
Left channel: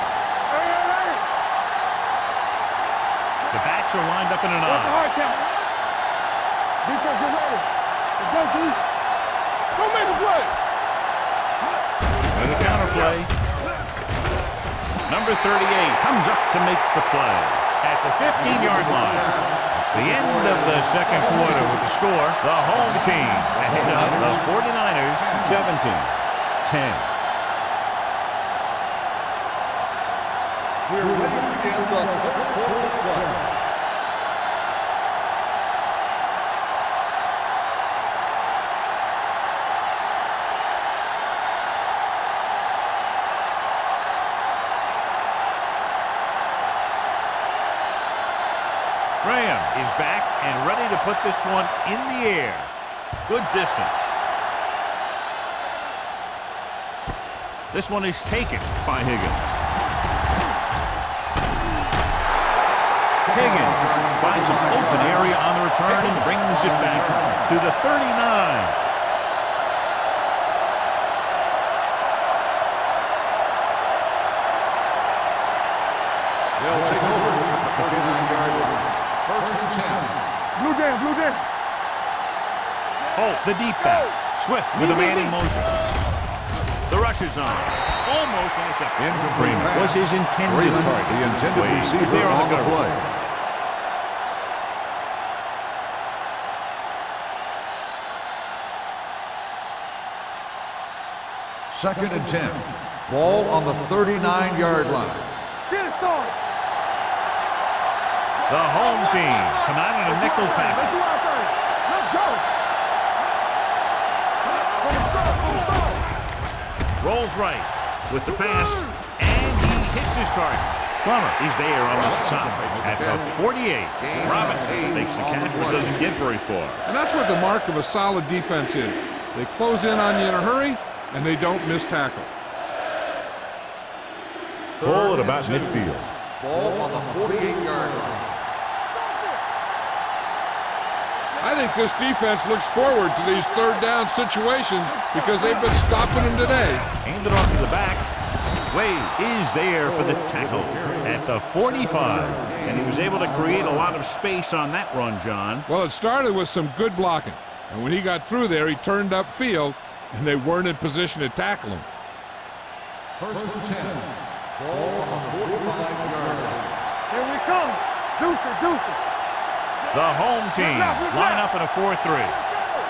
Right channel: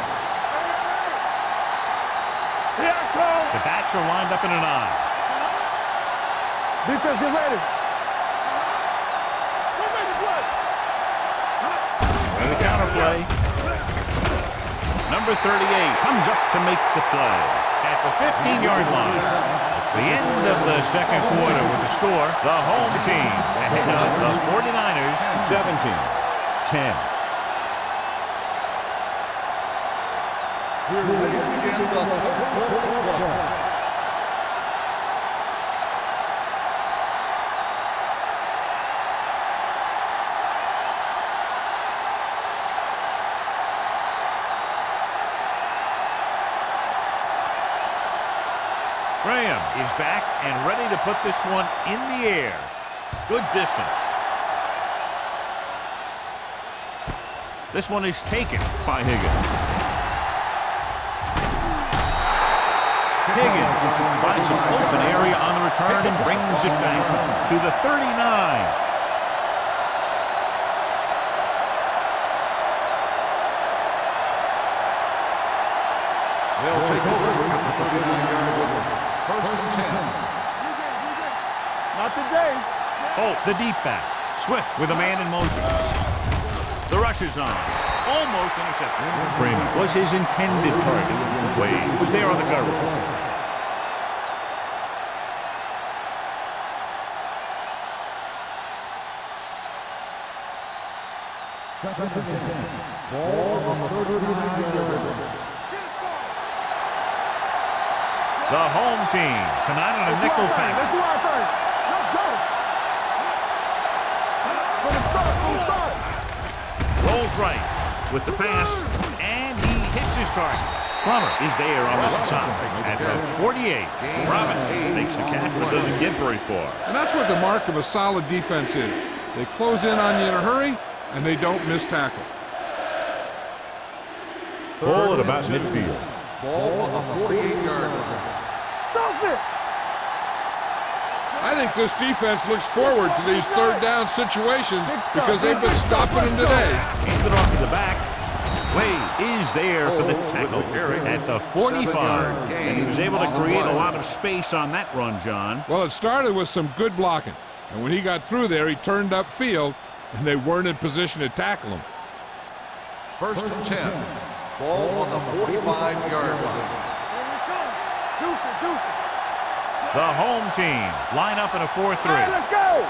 The backs are lined up in an I. Defense, get ready. Let's go, don't make a play. And the counter play. Number 38 comes up to make the play at the 15-yard line. It's the end of the second quarter with the score. The home team ahead of the 49ers 17-10. We're ready to begin the third quarter of play. Graham is back and ready to put this one in the air. Good distance. This one is taken by Higgins. Higgins finds some open area on the return and brings it back to the 39. They'll take over at the 39-yard line. First and 10. Blue Jam, Blue Jam. Not today. Holt, the deep back. Swift with a man in motion. The rush is on. Almost intercepted. Freeman was his intended target. Wade was there on the coverage. Second and 10. Ball on the 39-yard line. Get it, son. The home team come out in a nickel Let's package. do our thing. Let's go. From the start, from the start. Rolls right with the pass, and he hits his target. Plummer is there on the stop at the 48. Robinson makes the catch but doesn't get very far. And that's what the mark of a solid defense is. They close in on you in a hurry, and they don't miss tackle. Ball at about midfield. Ball on the 48-yard line. Stop it. I think this defense looks forward to these third down situations because they've been stopping them today. Handed off to the back. Wade is there for the tackle at the 45. And he was able to create a lot of space on that run, John. Well, it started with some good blocking. And when he got through there, he turned upfield, and they weren't in position to tackle him. First and 10. Ball on the 45-yard line. Here we come. Deuce it, deuce it. The home team line up in a 4-3. Let's go.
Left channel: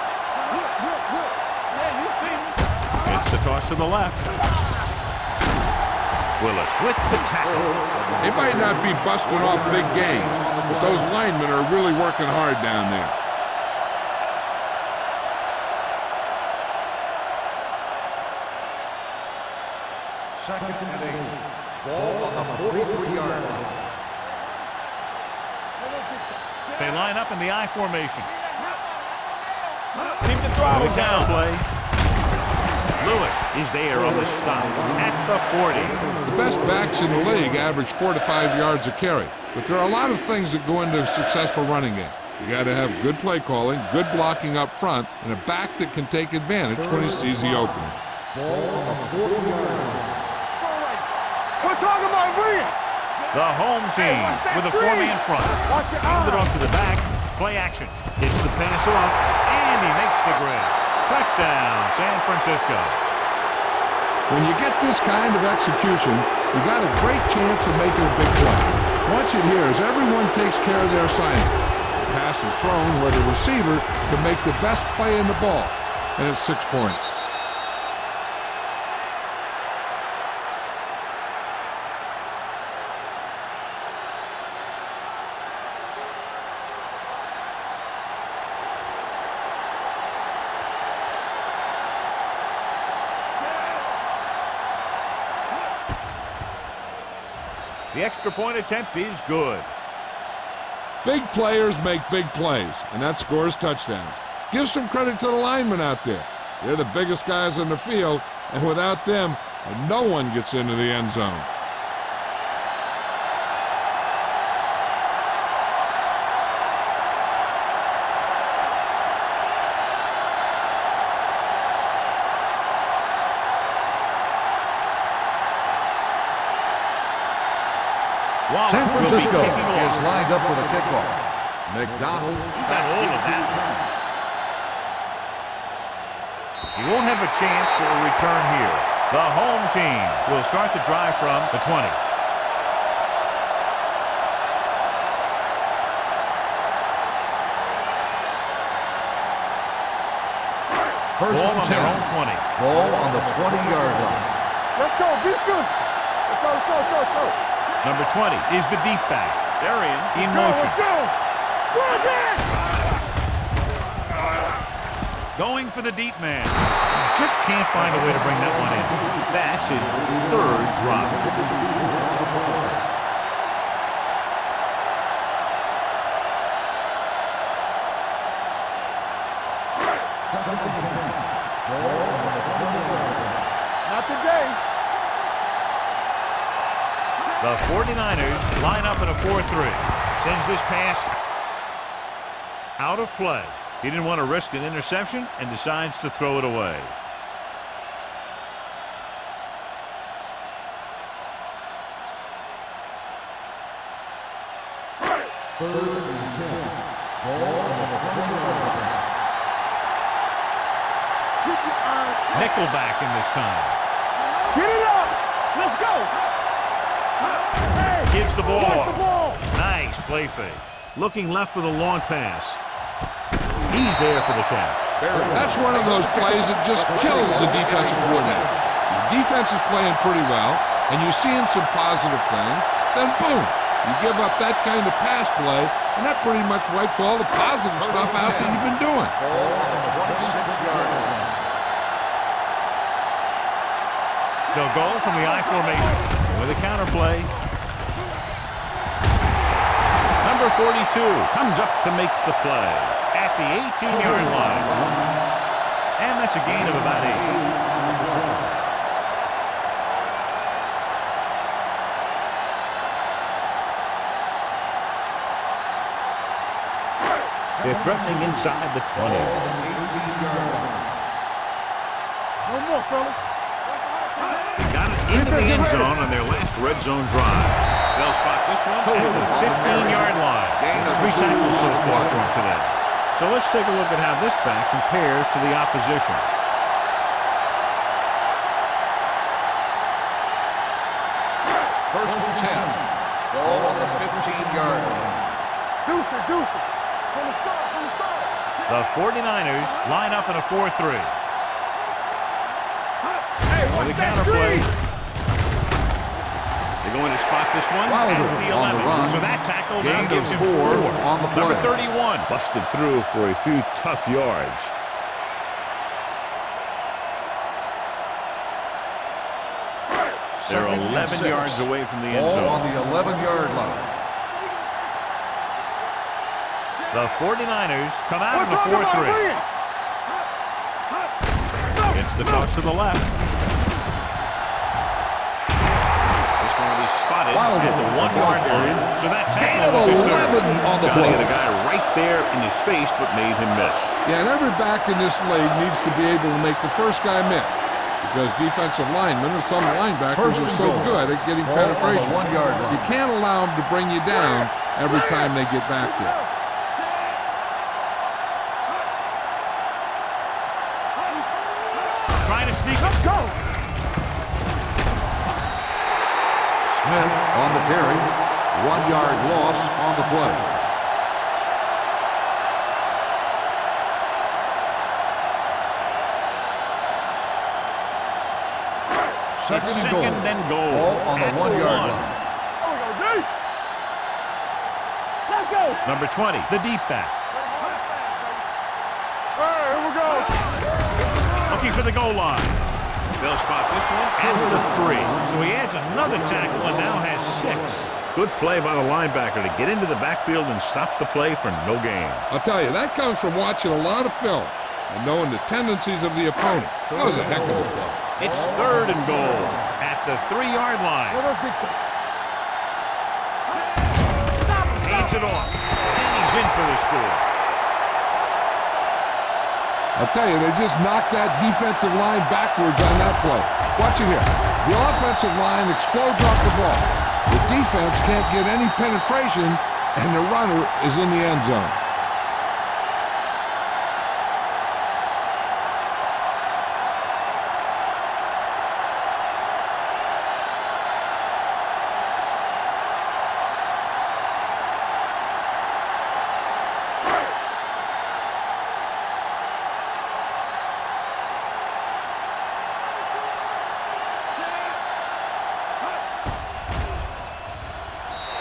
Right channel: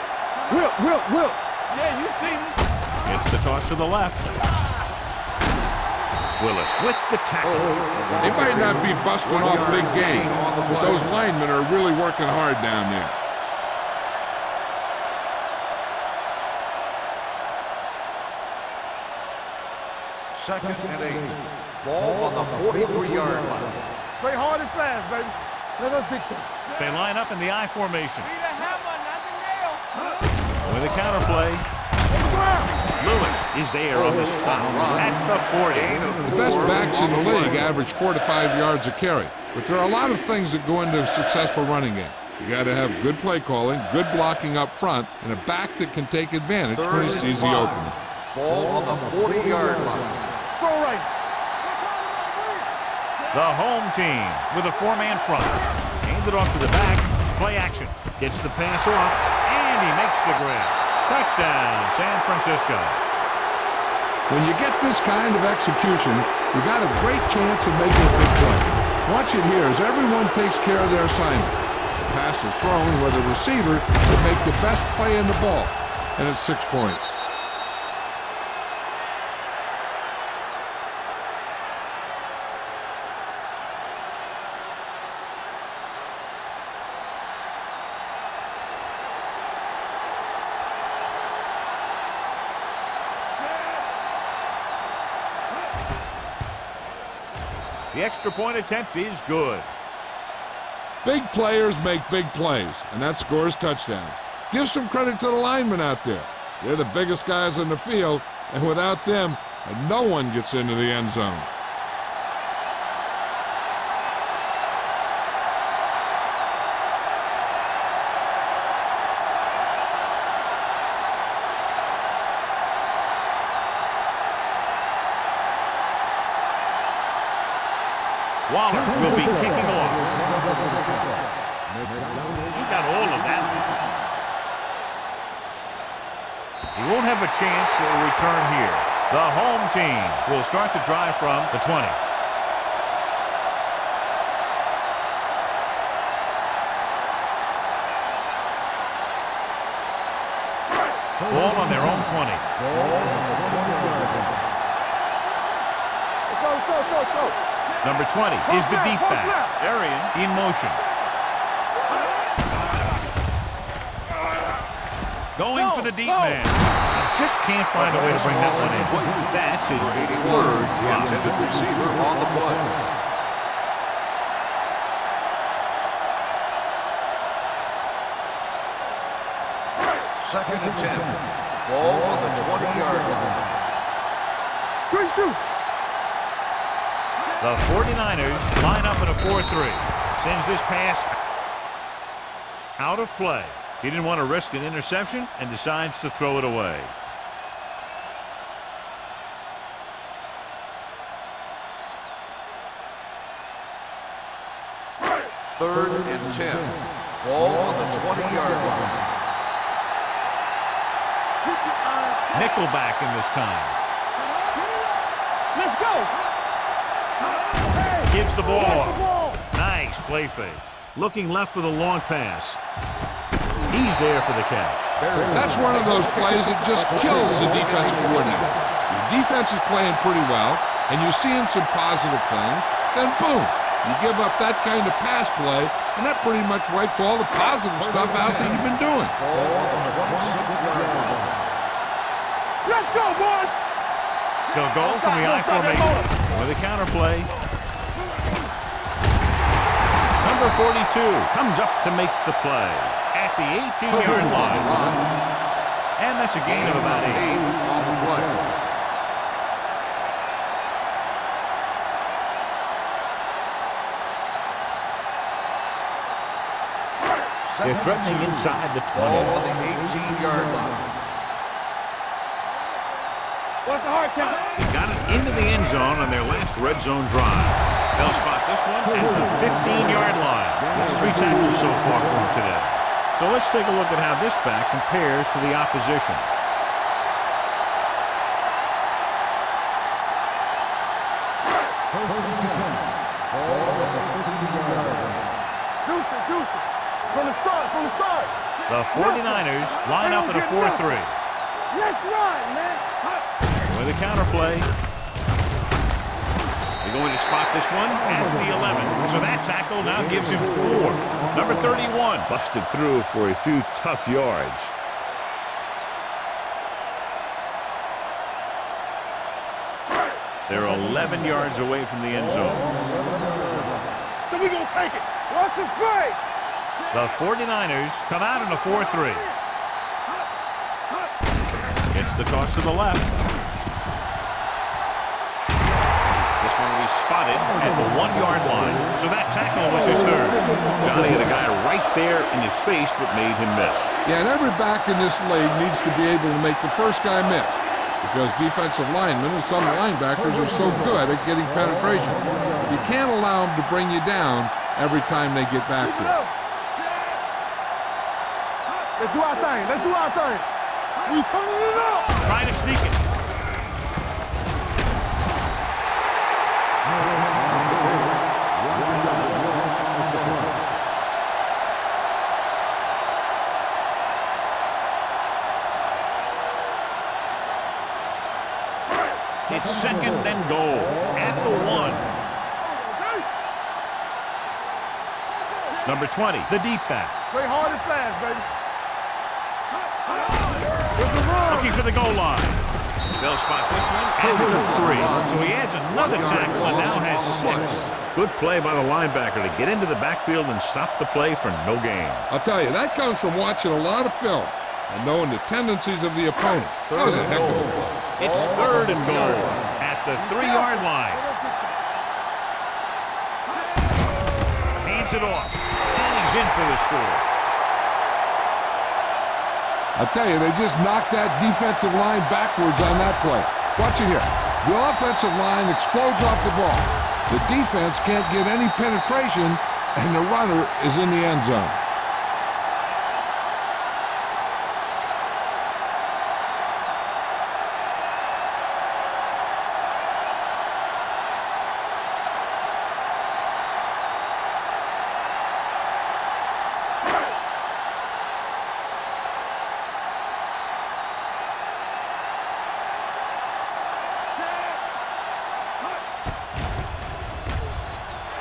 Whip. Yeah, you see me. It's the toss to the left. Willis with the tackle. They might not be busting off big game, but those linemen are really working hard down there. Second and 8. Ball on the 43-yard line. Play hard and fast, baby. Let us dictate. They line up in the I formation. Need a hammer, not the nail. With a counter play. Lewis is there on the stop at the 40. The best backs in the league average 4 to 5 yards a carry, but there are a lot of things that go into a successful running game. You got to have good play calling, good blocking up front, and a back that can take advantage when he sees the opening. Ball on the 40-yard line. Throw right. We're talking about brilliant. The home team with a 4-man front. Handed off to the back. Play action. Gets the pass off, and he makes the grab. Touchdown, San Francisco. When you get this kind of execution, you got a great chance of making a big play. Watch it here as everyone takes care of their assignment. The pass is thrown where the receiver can make the best play in the ball, and it's 6 points. The extra point attempt is good. Big players make big plays, and that scores touchdowns. Give some credit to the linemen out there. They're the biggest guys on the field, and without them, no one gets into the end zone. Waller will be kicking Is off. lined up for the kickoff. McDonald. He got all of that. He won't have a chance for a return here. The home team will start the drive from the 20. Ball on their own 20. Ball on the 20-yard line. Let's go, beat you. Let's go. Number 20 is the deep back. Arian in motion. Going for the deep man. He just can't find a way to bring that one in. That's his third drop. Intended receiver on the play. Second and 10. Ball on the 20-yard line. Not today. Quick shoot. The 49ers line up in a 4-3. Sends this pass out of play. He didn't want to risk an interception and decides to throw it away. 3rd and 10. Ball on the 20-yard line. Keep your eyes set. Nickelback in this time. Get it up. Let's go. Hey, Gives the ball watch the off. ball. Nice play fake. Looking left for the long pass. He's there for the catch. That's one of those plays that just kills the defensive coordinator. Your defense is playing pretty well, and you're seeing some positive things. Then boom, you give up that kind of pass play, and that pretty much wipes all the positive stuff out that you've been doing. Ball on the 26-yard line. Let's go, boys. They'll go from the I formation with a counter play. Number 42 comes up to make the play at the 18-yard line. And that's a gain of about 8. On the play. They're threatening inside the 20. Ball on the 18-yard line. One more, fella. Watch the hard count. They got it into the end zone on their last red zone drive. They'll spot this one at the 15-yard line. It's 3 tackles so far for him today. So let's take a look at how this back compares to the opposition. First and 10. Ball on the 15-yard line. Deuce it, deuce it. From the start, from the start. The 49ers line up in a 4-3. Let's run, man. With a counter play. They're going to spot this one at the 11. So that tackle now gives him 4. Number 31 busted through for a few tough yards. They're 11 yards away from the end Ball on zone. the 11-yard line. So we gonna take it. Watch it play. The 49ers come out in a 4-3. Gets the toss to the left. This one will be spotted at the 1-yard line. So that tackle was his 3rd. Johnny had a guy right there in his face but made him miss. Yeah, and every back in this league needs to be able to make the first guy miss, because defensive linemen and some linebackers are so good at getting penetration. You can't allow them to bring you down every time they get back there. Let's do our thing. Let's do our thing. Trying to sneak it. Smith on the carry. 1-yard loss on the play. It's second and goal at the 1. There we go, D. Let's go. Number 20, the deep back. Play hard and fast, baby. Here we go. Looking for the goal line. They'll spot this one at the 3. So he adds another tackle and now has 6. Good play by the linebacker to get into the backfield and stop the play for no gain. I'll tell you, that comes from watching a lot of film and knowing the tendencies of the opponent. That was a heck of a play. It's 3rd and goal at the 3-yard line. Let us dictate. Hands it off, and he's in for the score. I'll tell you, they just knocked that defensive line backwards on that play. Watch it here. The offensive line explodes off the ball. The defense can't get any penetration, and the runner is in the end zone.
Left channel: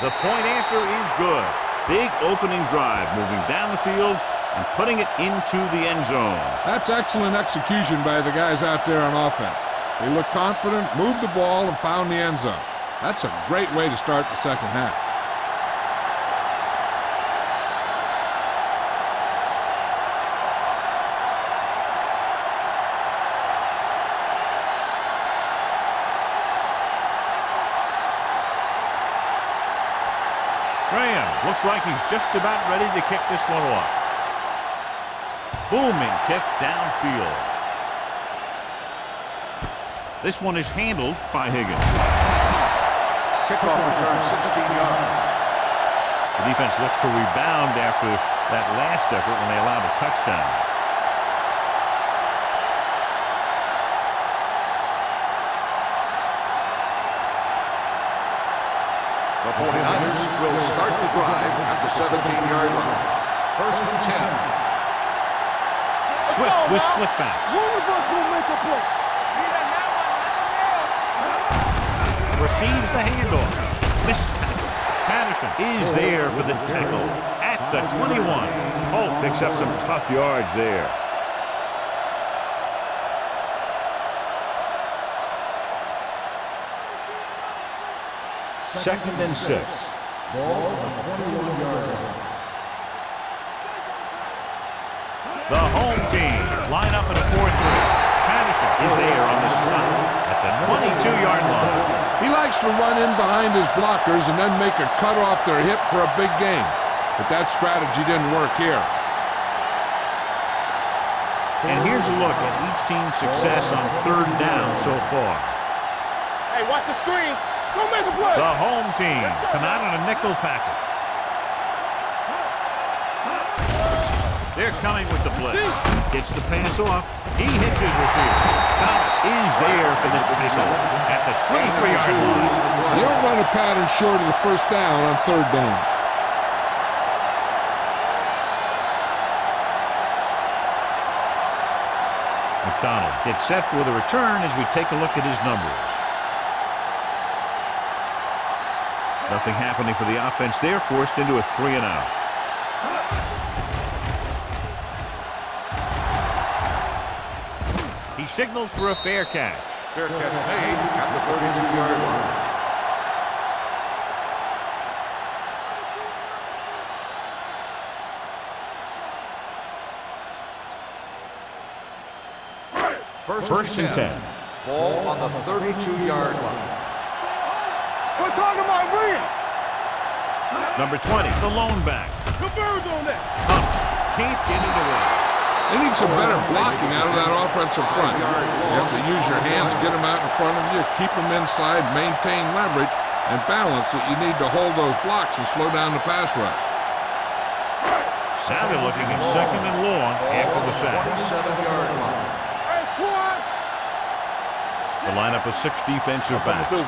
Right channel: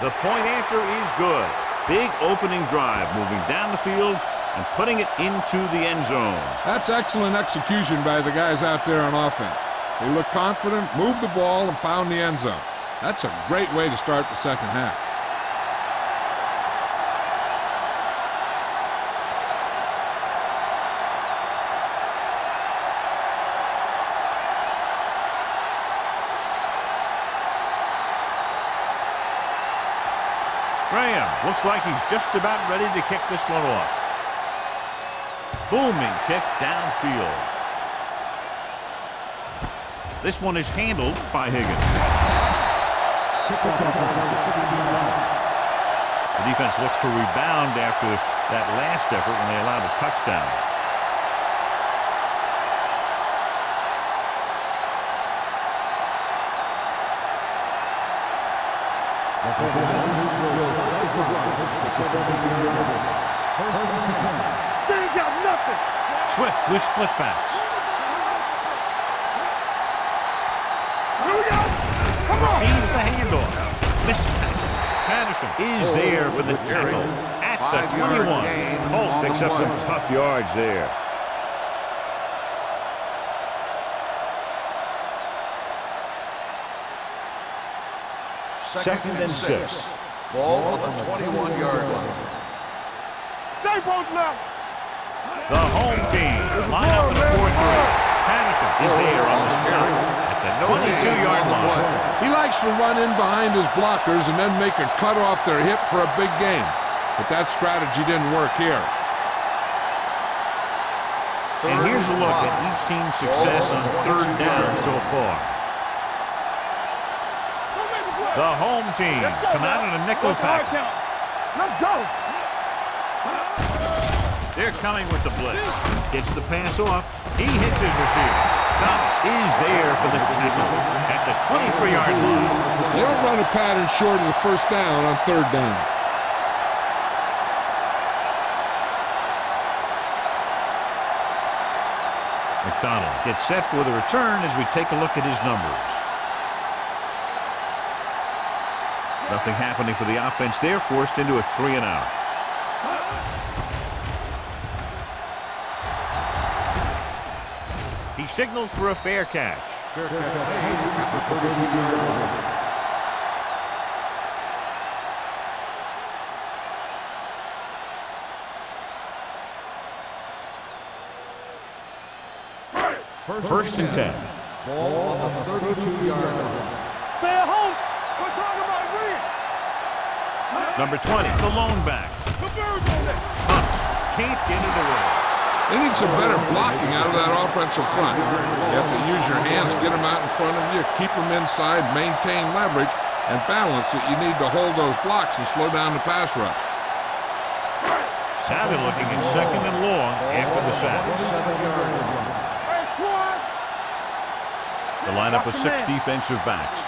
The point after is good. Big opening drive, moving down the field and putting it into the end zone. That's excellent execution by the guys out there on offense. They looked confident, moved the ball, and found the end zone. That's a great way to start the second half. Graham looks like he's just about ready to kick this one off. Booming kick downfield. This one is handled by Higgins. Kickoff return 16 yards. The defense looks to rebound after that last effort when they allowed a touchdown. The 49ers will start the drive at the 17-yard line. First and 10. They ain't got nothing. Swift with split backs. One of us will make a play. Receives the handoff. Missed tackle. Patterson is there for the tackle at the 21. Holt picks up some tough yards there. Second and 6. Ball on the 21-yard line. Stay both left. The home team line up in a 4-3. Patterson is there on the stop at the 22-yard line. He likes to run in behind his blockers and then make a cut off their hip for a big gain. But that strategy didn't work here. And here's a look at each team's success on third down so far. Hey, watch the screen. Go make a play. The home team come out in a nickel package. Let's go. They're coming with the blitz. Gets the pass off. He hits his receiver. Thomas is there for the tackle at the 23-yard line. You don't run a pattern short of the first down on third down. McDonald gets set for the return as we take a look at his numbers. Nothing happening for the offense there, forced into a 3-and-out. He signals for a fair catch. Fair catch made at the 32-yard line. First and 10. Ball on the 32-yard line. Stay at home. We're talking about bringing. Number 20, the lone back. Converge on that. Pumps. Can't get it away. They need some better blocking out of that offensive front. You have to use your hands, get them out in front of you, keep them inside, maintain leverage, and balance that you need to hold those blocks and slow down the pass rush. Now they're looking at second and long after the sack. 27-yard line. Hey, squad. The lineup of 6 defensive backs.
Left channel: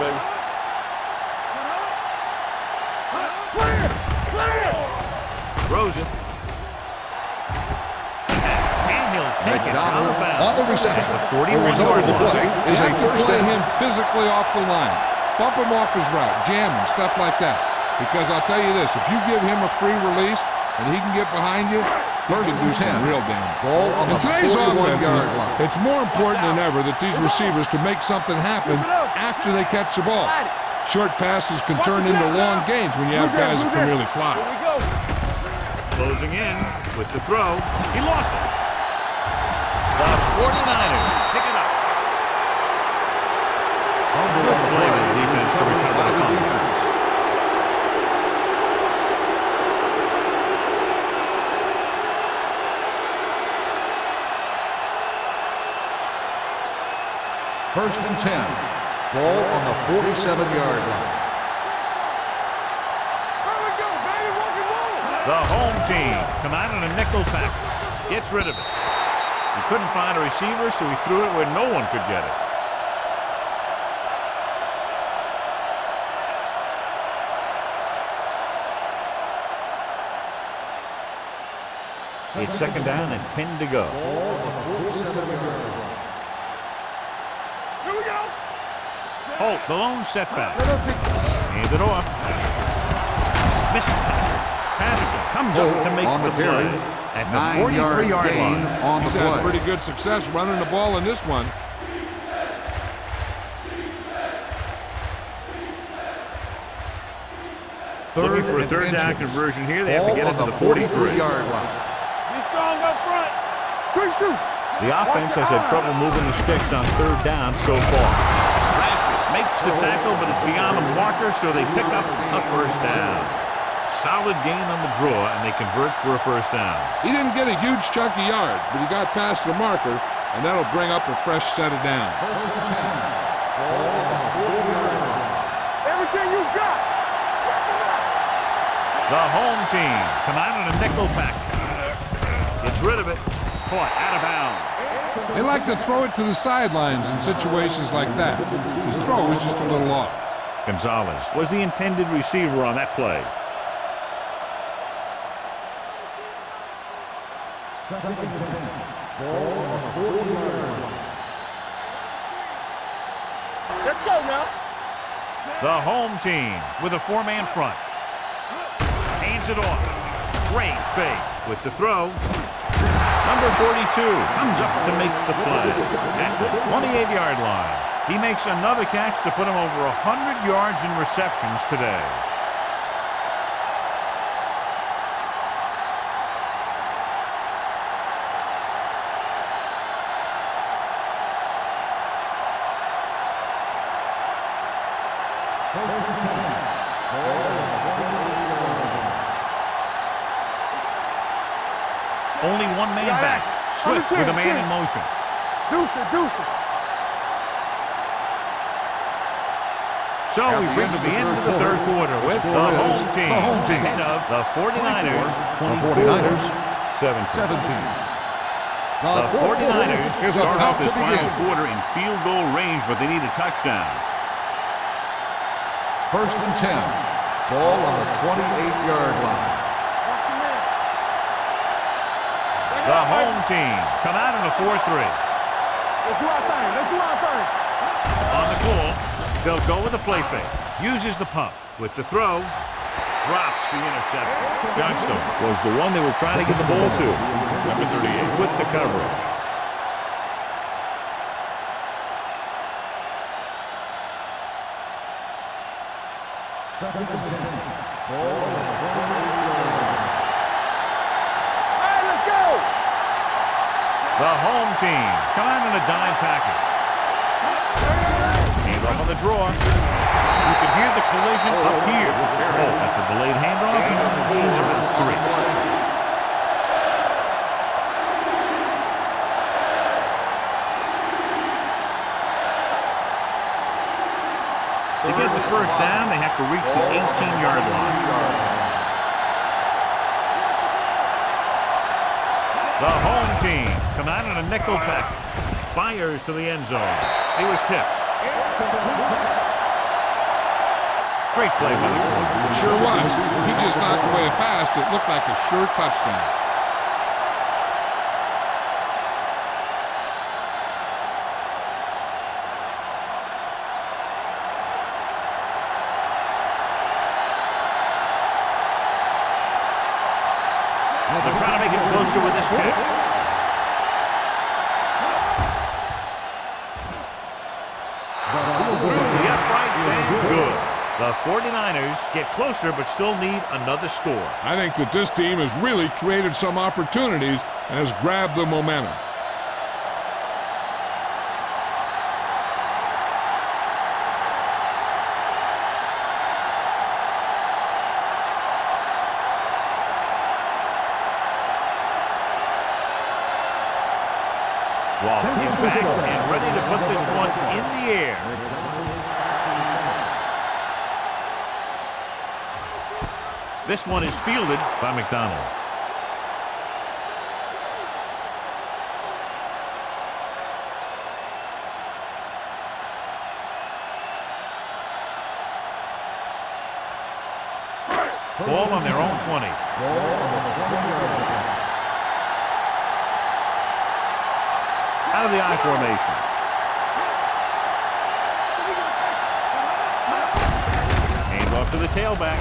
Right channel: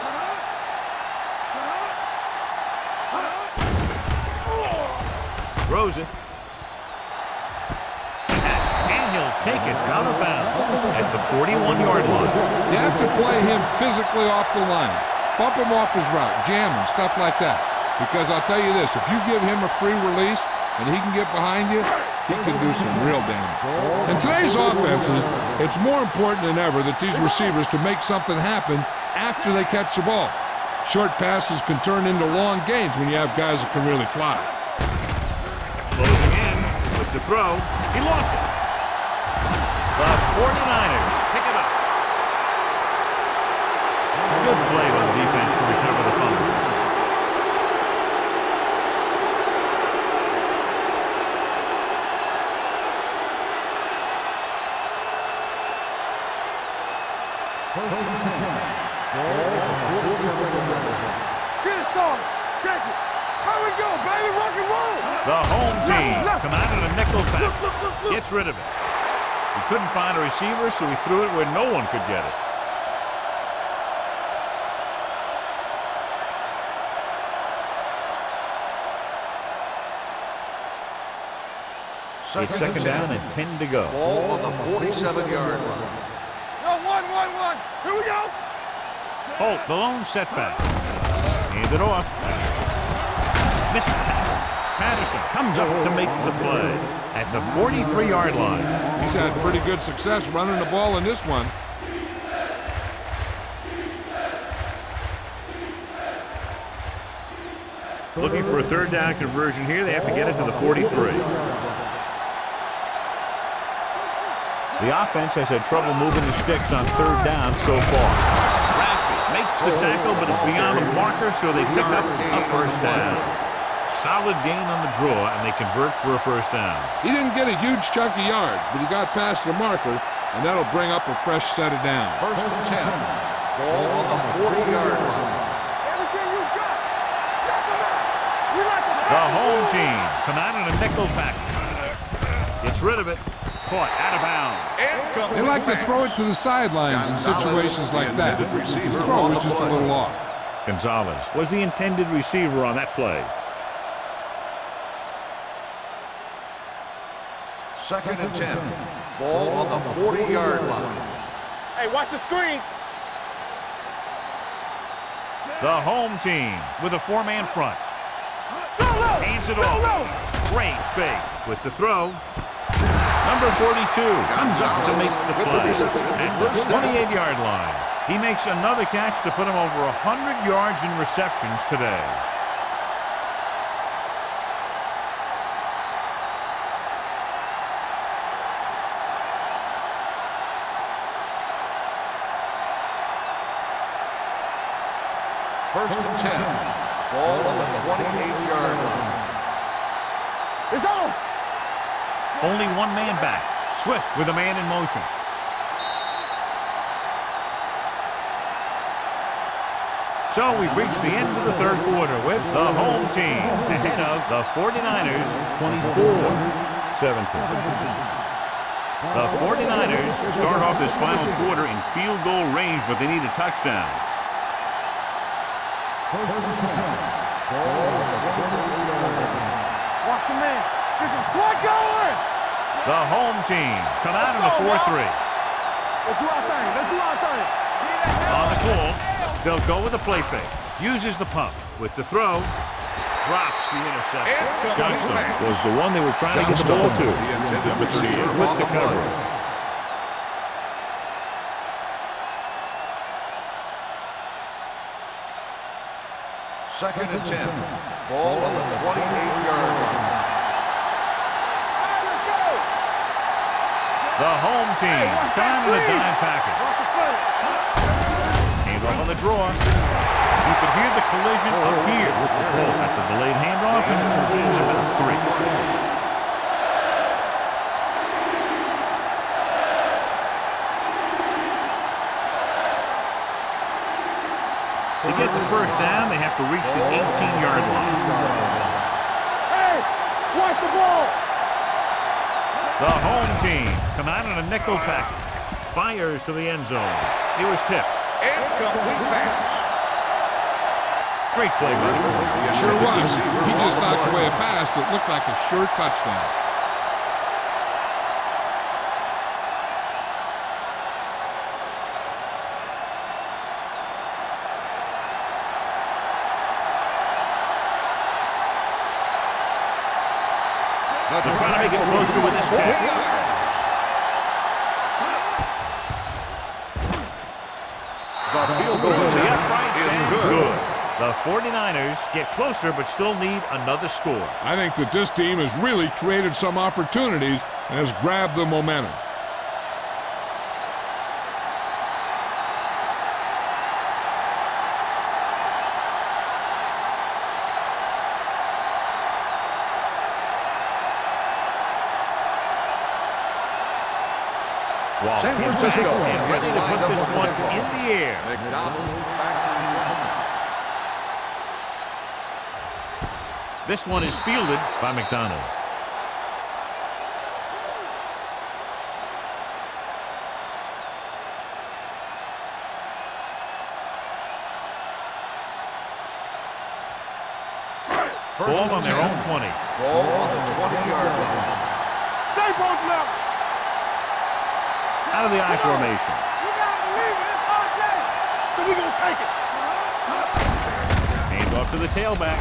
Throws it. And he'll take it out of bounds at the 41-yard line. You have to play him physically off the line. Bump him off his route, jam him, stuff like that. Because I'll tell you this, if you give him a free release and he can get behind you, he can do some real damage. In today's offenses, it's more important than ever that these receivers to make something happen after they catch the ball. Short passes can turn into long gains when you have guys that can really fly. Closing in with the throw. He lost it. The 49ers pick it up. Good play by the defense to recover the fumble. First and 10. Ball on the 47-yard line. Get it started. Check it. Here we go, baby. Rock and roll. The home team come out in a nickel package. Gets rid of it. He couldn't find a receiver, so he threw it where no one could get it. It's second down and 10 to go. Ball on the 47-yard line. Here we go. Holt, the lone setback. Hand it off. Missed tackle. Patterson comes up to make the play at the 43-yard line. He's had pretty good success running the ball in this one. Looking for a third down conversion here. They have to get it to the 43. The offense has had trouble moving the sticks on third down so far. Rasby makes the tackle, but it's beyond the marker, so they pick up a first down. Solid gain on the draw, and they convert for a first down. He didn't get a huge chunk of yards, but he got past the marker, and that'll bring up a fresh set of downs. First and 10. Ball on the 40-yard line. Everything you got. Knock him out. The home team come out in a nickel package. Gets rid of it. Caught out of bounds. They like to throw it to the sidelines in situations like that. His throw was just a little off. Gonzalez was the intended receiver on that play. 2nd and 10. Ball on the 40-yard line. Hey, watch the screen. Let's go now. The home team with a 4-man front. Hands it off. Great fake with the throw. Number 42 comes up to make the play at the 28-yard line. He makes another catch to put him over 100 yards in receptions today. First and 10. Ball on the 28-yard line. It's on. Only one man back. Swift with a man in motion. Deuce it. So we've reached the end of the third quarter with the home team ahead of the 49ers 24-17. The 49ers start off this final quarter in field goal range, but they need a touchdown. First and 10. Ball on the 28-yard line. Watch your man. There's a slot going. The home team come out in a 4-3. Let's do our thing. On the call, they'll go with a play fake. Uses the pump with the throw. Drops the interception. Johnstone was the one they were trying to get the ball to. Number 38 with the coverage. Second and 10. Ball on the 28-yard line. All right, let's go. The home team come out in a dime package. Hand off on the draw. You could hear the collision up here. Holt at the delayed handoff and gains about 3. To get the first down, they have to reach the 18-yard line. The home team come out in a nickel package. Fires to the end zone. He was tipped. Great play by the corner. It sure was. He just knocked away a pass that looked like a sure touchdown. They're trying to make it closer with this kick. Through the uprights and good. The 49ers get closer but still need another score. I think that this team has really created some opportunities and has grabbed the momentum. Waller is back and ready to put this one in the air. This one is fielded by McDonald. Ball on their own 20. Ball on the 20-yard line. Out of the I formation. So we're going to take it. Hand off to the tailback.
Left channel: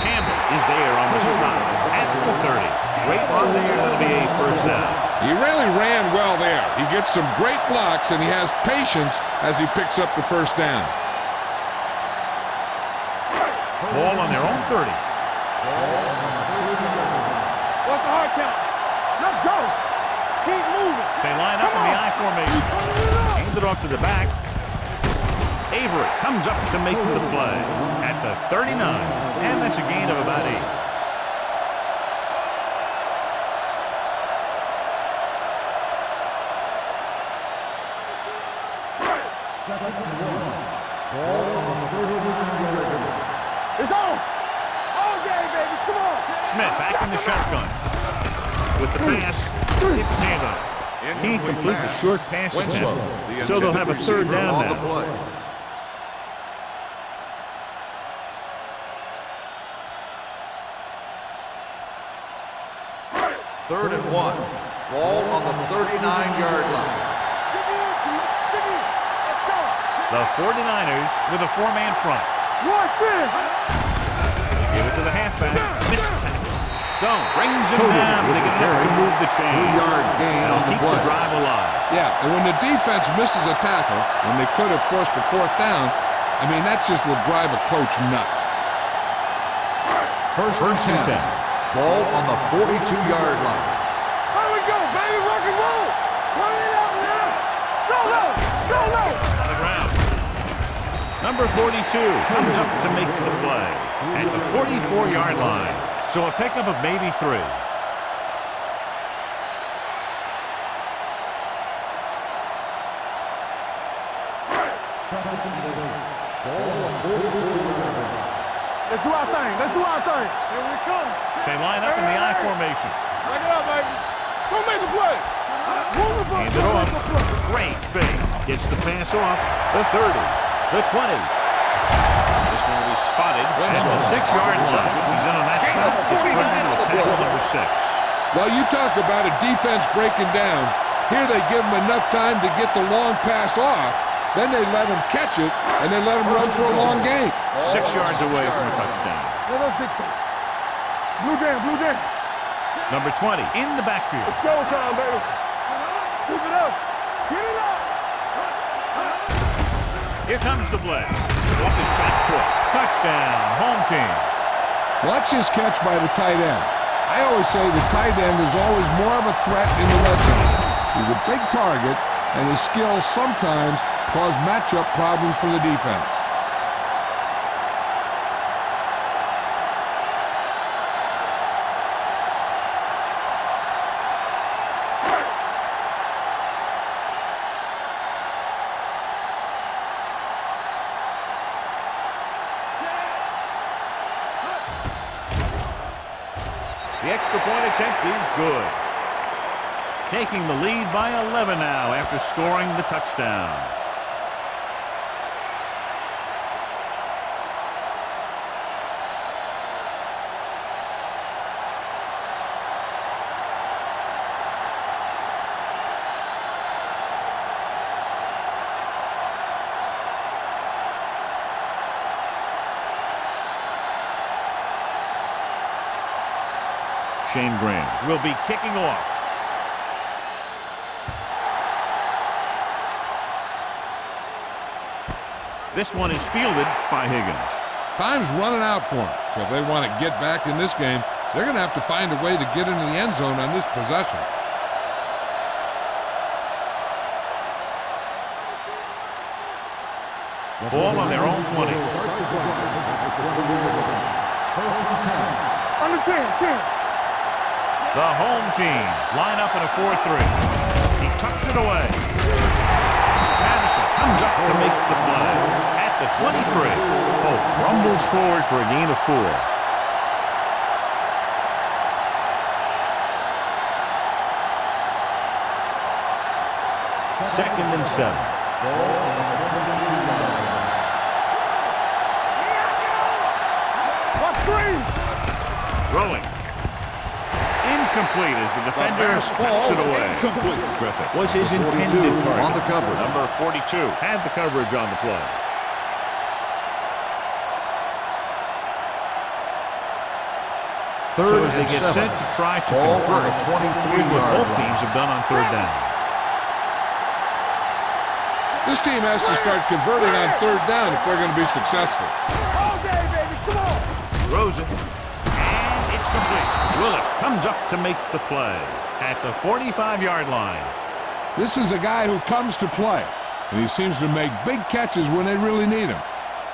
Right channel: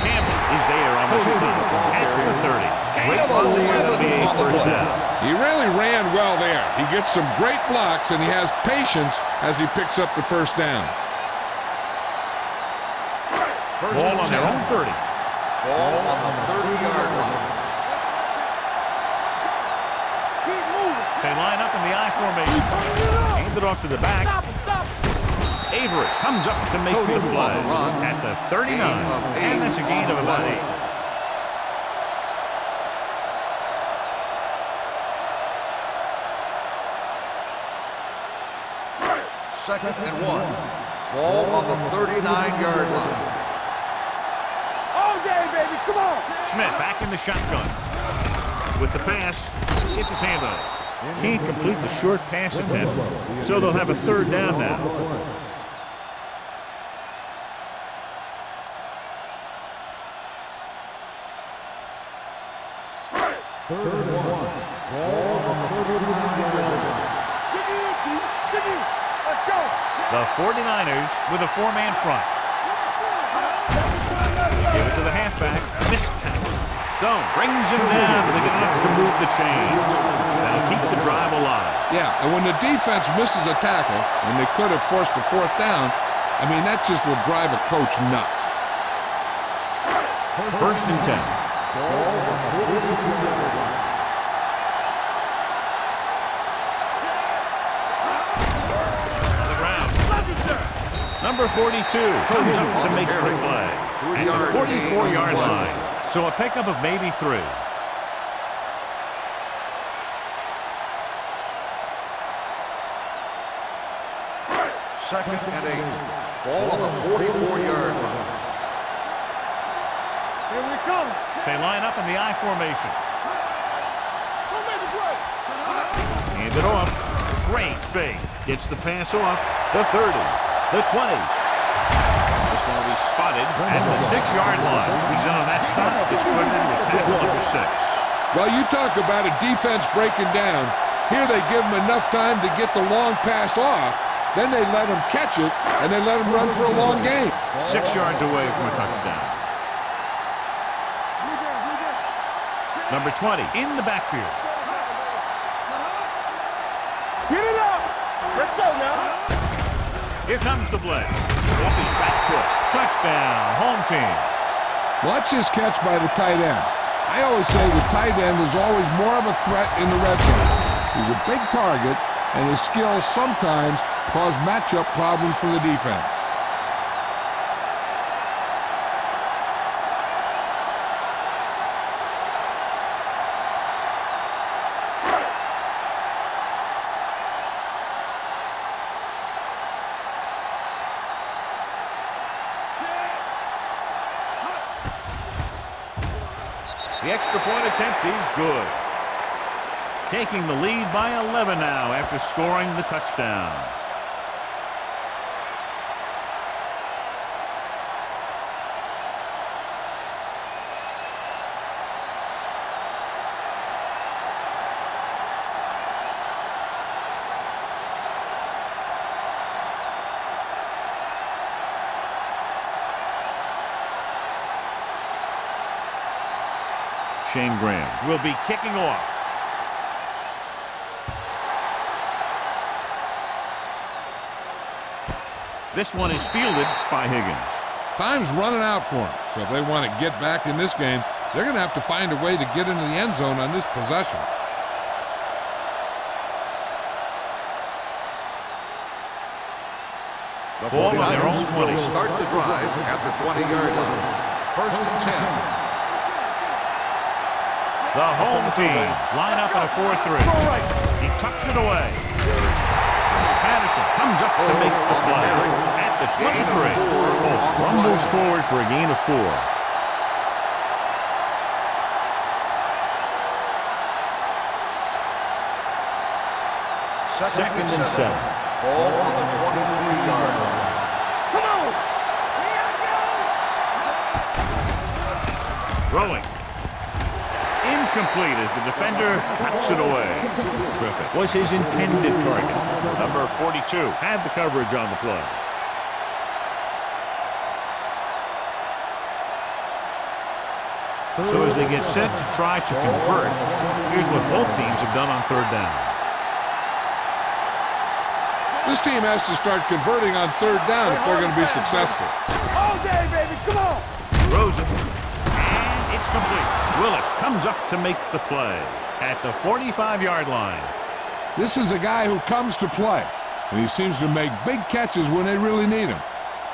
Campbell is there on the stop at the 30. Great run there. That'll be a first down. He really ran well there. He gets some great blocks, and he has patience as he picks up the first down. Ball on their own 30. Ball on the 30-yard line. What's the hard count? Let's go. Keep moving. They line up in the I formation. Hand it off to the back. Avery comes up to make the play at the 39. And that's a gain of about 8. Second and 1. Ball on the 39-yard line. It's on. Oh, Come on. Smith back in the shotgun. With the pass, gets his hand on it. Can't complete the short pass attempt, so they'll have a third down now. Third and 1. Ball on the 39-yard line. Dig in, T. Dig in. Let's go. The 49ers with a four-man front. Watch this. They give it to the halfback. Missed tackle. Stone brings him down, but they get enough to move the chains. That'll keep the drive alive. Yeah, and when the defense misses a tackle, when they could have forced a fourth down, I mean, that just will drive a coach nuts. First and 10. Ball on the 42-yard line. Here we go, baby. Rock and roll. Turn it up. On the ground. Number 42 comes up to make the play at the 44-yard line. So a pickup of maybe 3. Second and 8. Ball on the 44-yard line. Let's do our thing. Let's do our thing. Here we come. They line up in the I formation. Turn it up, baby. Go make a play. Hand it off. Great fake. Gets the pass off. The 30. The 20. This one will be spotted at the 6-yard line. He's in on that stop. Gets credited with tackle number 6. Well, you talk about a defense breaking down. Here they give him enough time to get the long pass off. Then they let him catch it, and they let him run for a long game. 6 yards away from a touchdown. Let us big time. Blue down, blue down. Number 20 in the backfield. Showtime, baby. Keep it up. Get it up. Let's go now. Here comes the blitz. Off his back foot. Touchdown, home team. Watch his catch by the tight end. I always say the tight end is always more of a threat in the red zone. He's a big target, and his skills sometimes cause matchup problems for the defense. The extra point attempt is good. Taking the lead by 11 now after scoring the touchdown. Shane Graham will be kicking off. This one is fielded by Higgins. Time's running out for them. So if they want to get back in this game, they're going to have to find a way to get into the end zone on this possession. Ball on their own 20. Start the drive at the 20-yard line. First and 10. On the 10. The home team line up in a 4-3. He tucks it away. Patterson comes up to make the play at the 23. Holt rumbles forward for a gain of 4. Second and 7. Ball on the 23-yard line. Come on. Here I go. Throwing. Incomplete as the defender knocks it away. Griffith was his intended target. Number 42 had the coverage on the play. So as they get set to try to convert, here's what both teams have done on third down. This team has to start converting on third down if they're going to be successful. All day, baby. Come on. Throws it. And it's complete. Willis comes up to make the play at the 45-yard line. This is a guy who comes to play, and he seems to make big catches when they really need him.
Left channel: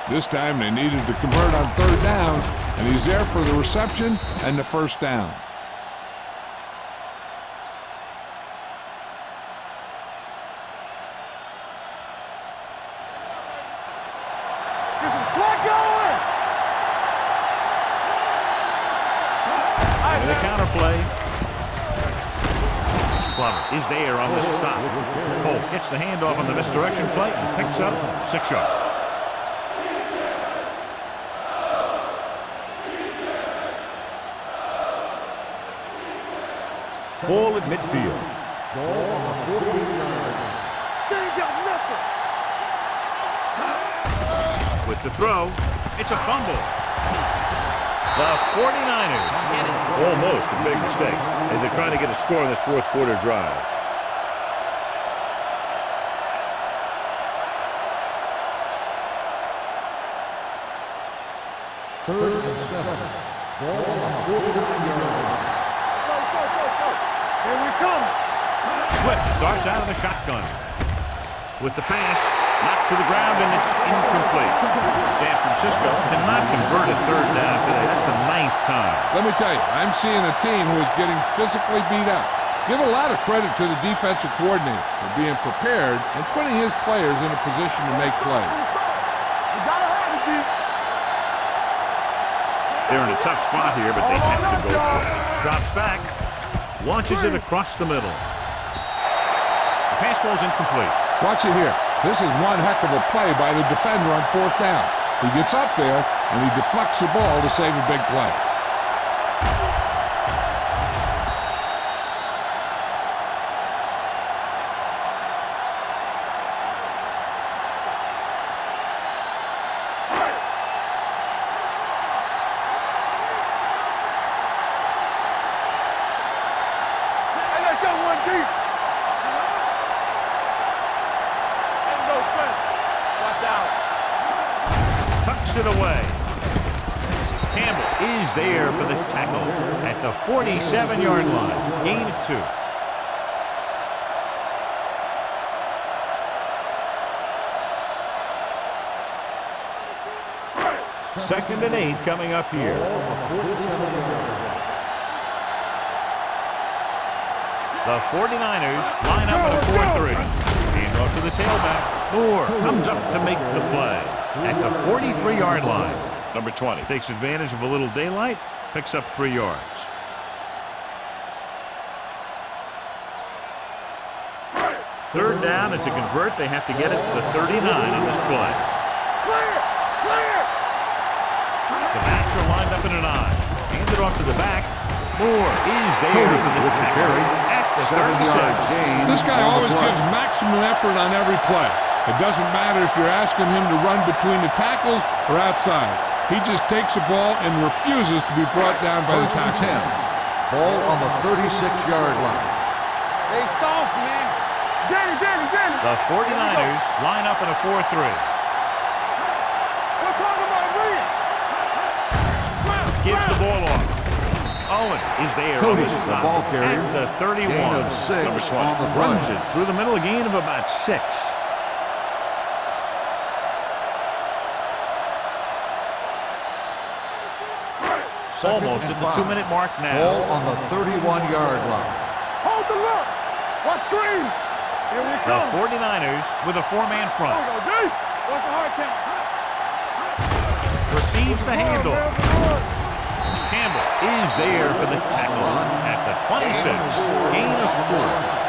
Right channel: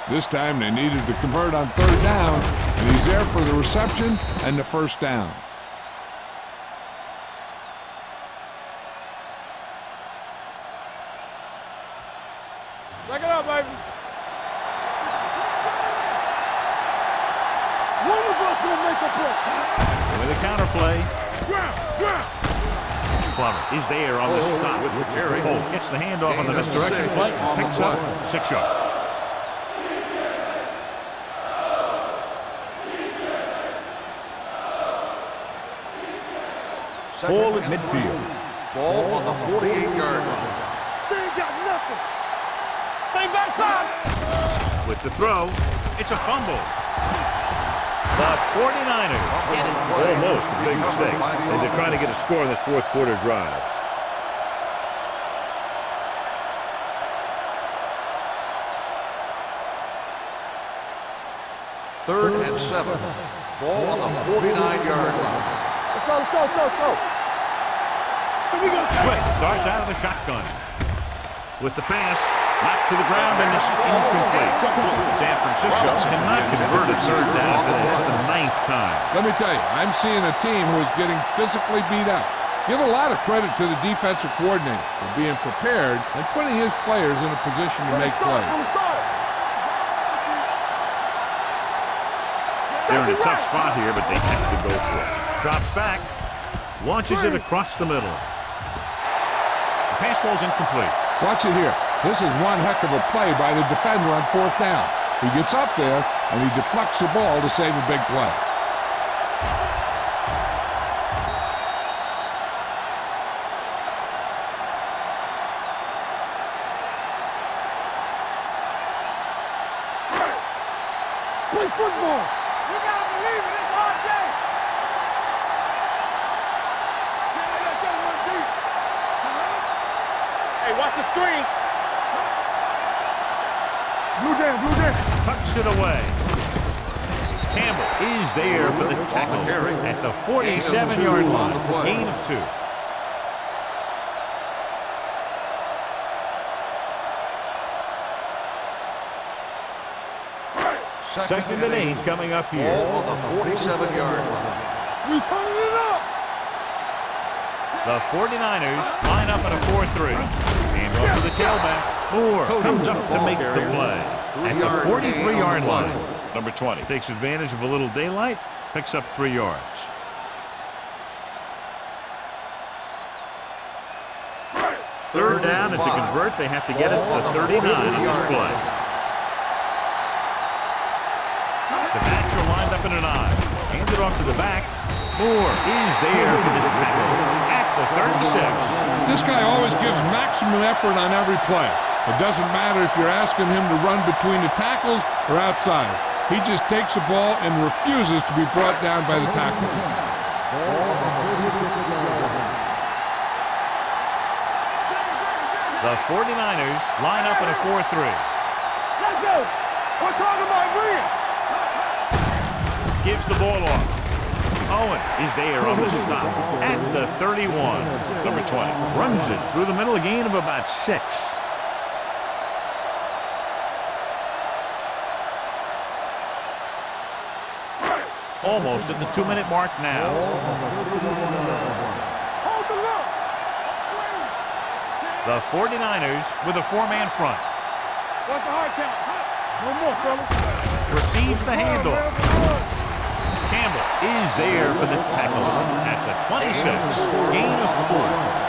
This time they needed to convert on third down, and he's there for the reception and the first down. Check it out, baby. Get some slack going. One of us will make a play. the counter play. Plummer is there on the stop. Holt gets the handoff on the misdirection play and picks up 6 yards. Ball at midfield. Ball on the 48-yard line. They ain't got nothing. They got With the throw, it's a fumble. The 49ers get it. Almost a big mistake as they're trying to get a score in this fourth quarter drive. Third and 7. Ball on the 49-yard line. Let's go, let's go, let's go, let's go. Here we come. Swift starts out of the shotgun. With the pass, knocked to the ground, and it's incomplete. San Francisco cannot convert a third down today. That's the 9th time. Let me tell you, I'm seeing a team who is getting physically beat up. Give a lot of credit to the defensive coordinator for being prepared and putting his players in a position to make plays. They're in a tough spot here, but they have to go for it. Drops back, launches it across the middle. The pass falls incomplete. Watch it here. This is one heck of a play by the defender on 4th down. He gets up there, and he deflects the ball to save a big play. Play football. We gotta believe in this hard game. Hey, let's go one deep. Hey, watch the screen. Ain't no play. Watch out. Move down, move down. Tucks it away. Campbell is there for the tackle at the 47-yard line. Gain of 2. Second and 8 coming up here. Ball on the 47-yard line. We turning it up. The 49ers line up in a 4-3. Hand off to the tailback. Moore comes up to make the play at the 43-yard line. Number 20 takes advantage of a little daylight, picks up 3 yards. Third down, and to convert, they have to get it to the 39 on this play. The backs are lined up in an I. Handed off to the back. Moore is there for the tackle at the 36. This guy always gives maximum effort on every play. It doesn't matter if you're asking him to run between the tackles or outside. He just takes the ball and refuses to be brought down by the tackle. Ball on the 36-yard line. They soft, man. The 49ers line up in a 4-3. We're talking about bringing. Gives the ball off. Owen is there on the stop at the 31. Number 20 runs it through the middle, a gain of about 6. Almost at the 2-minute mark Ball now. on the 31-yard line. Hold the look. Watch screen. The 49ers with a 4-man front. Watch the hard count. One more, fella. Receives the handoff. Campbell is there for the tackle at the 26. Gain of 4.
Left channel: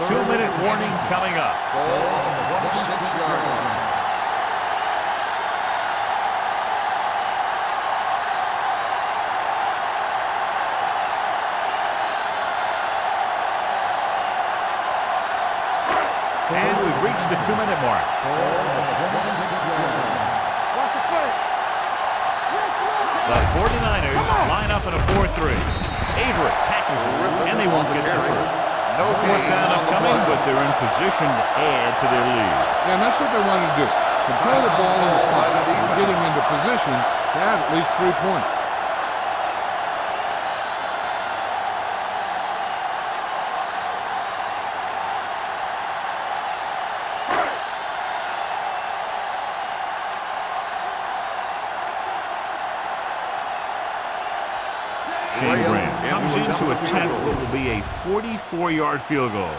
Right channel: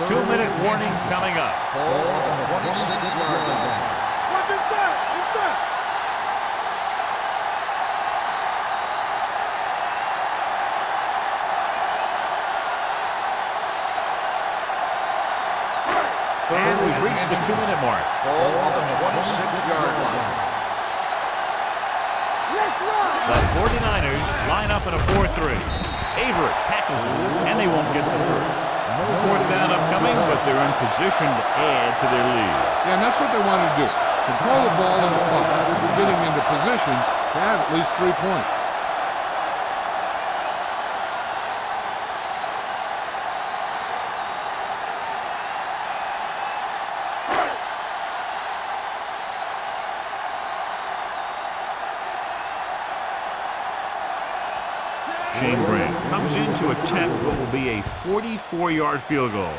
2-minute warning coming up. Ball on the 26-yard line. And we've reached the 2-minute mark. Ball on the 26-yard line. The 49ers line up in a 4-3. Avery tackles it, and they won't get the first. No 4th down upcoming, but they're in position to add to their lead. Yeah, and that's what they want to do. Control the ball in the clock and getting into position to add at least 3 points. Shane Graham comes in to attempt what will be a 44-yard field goal.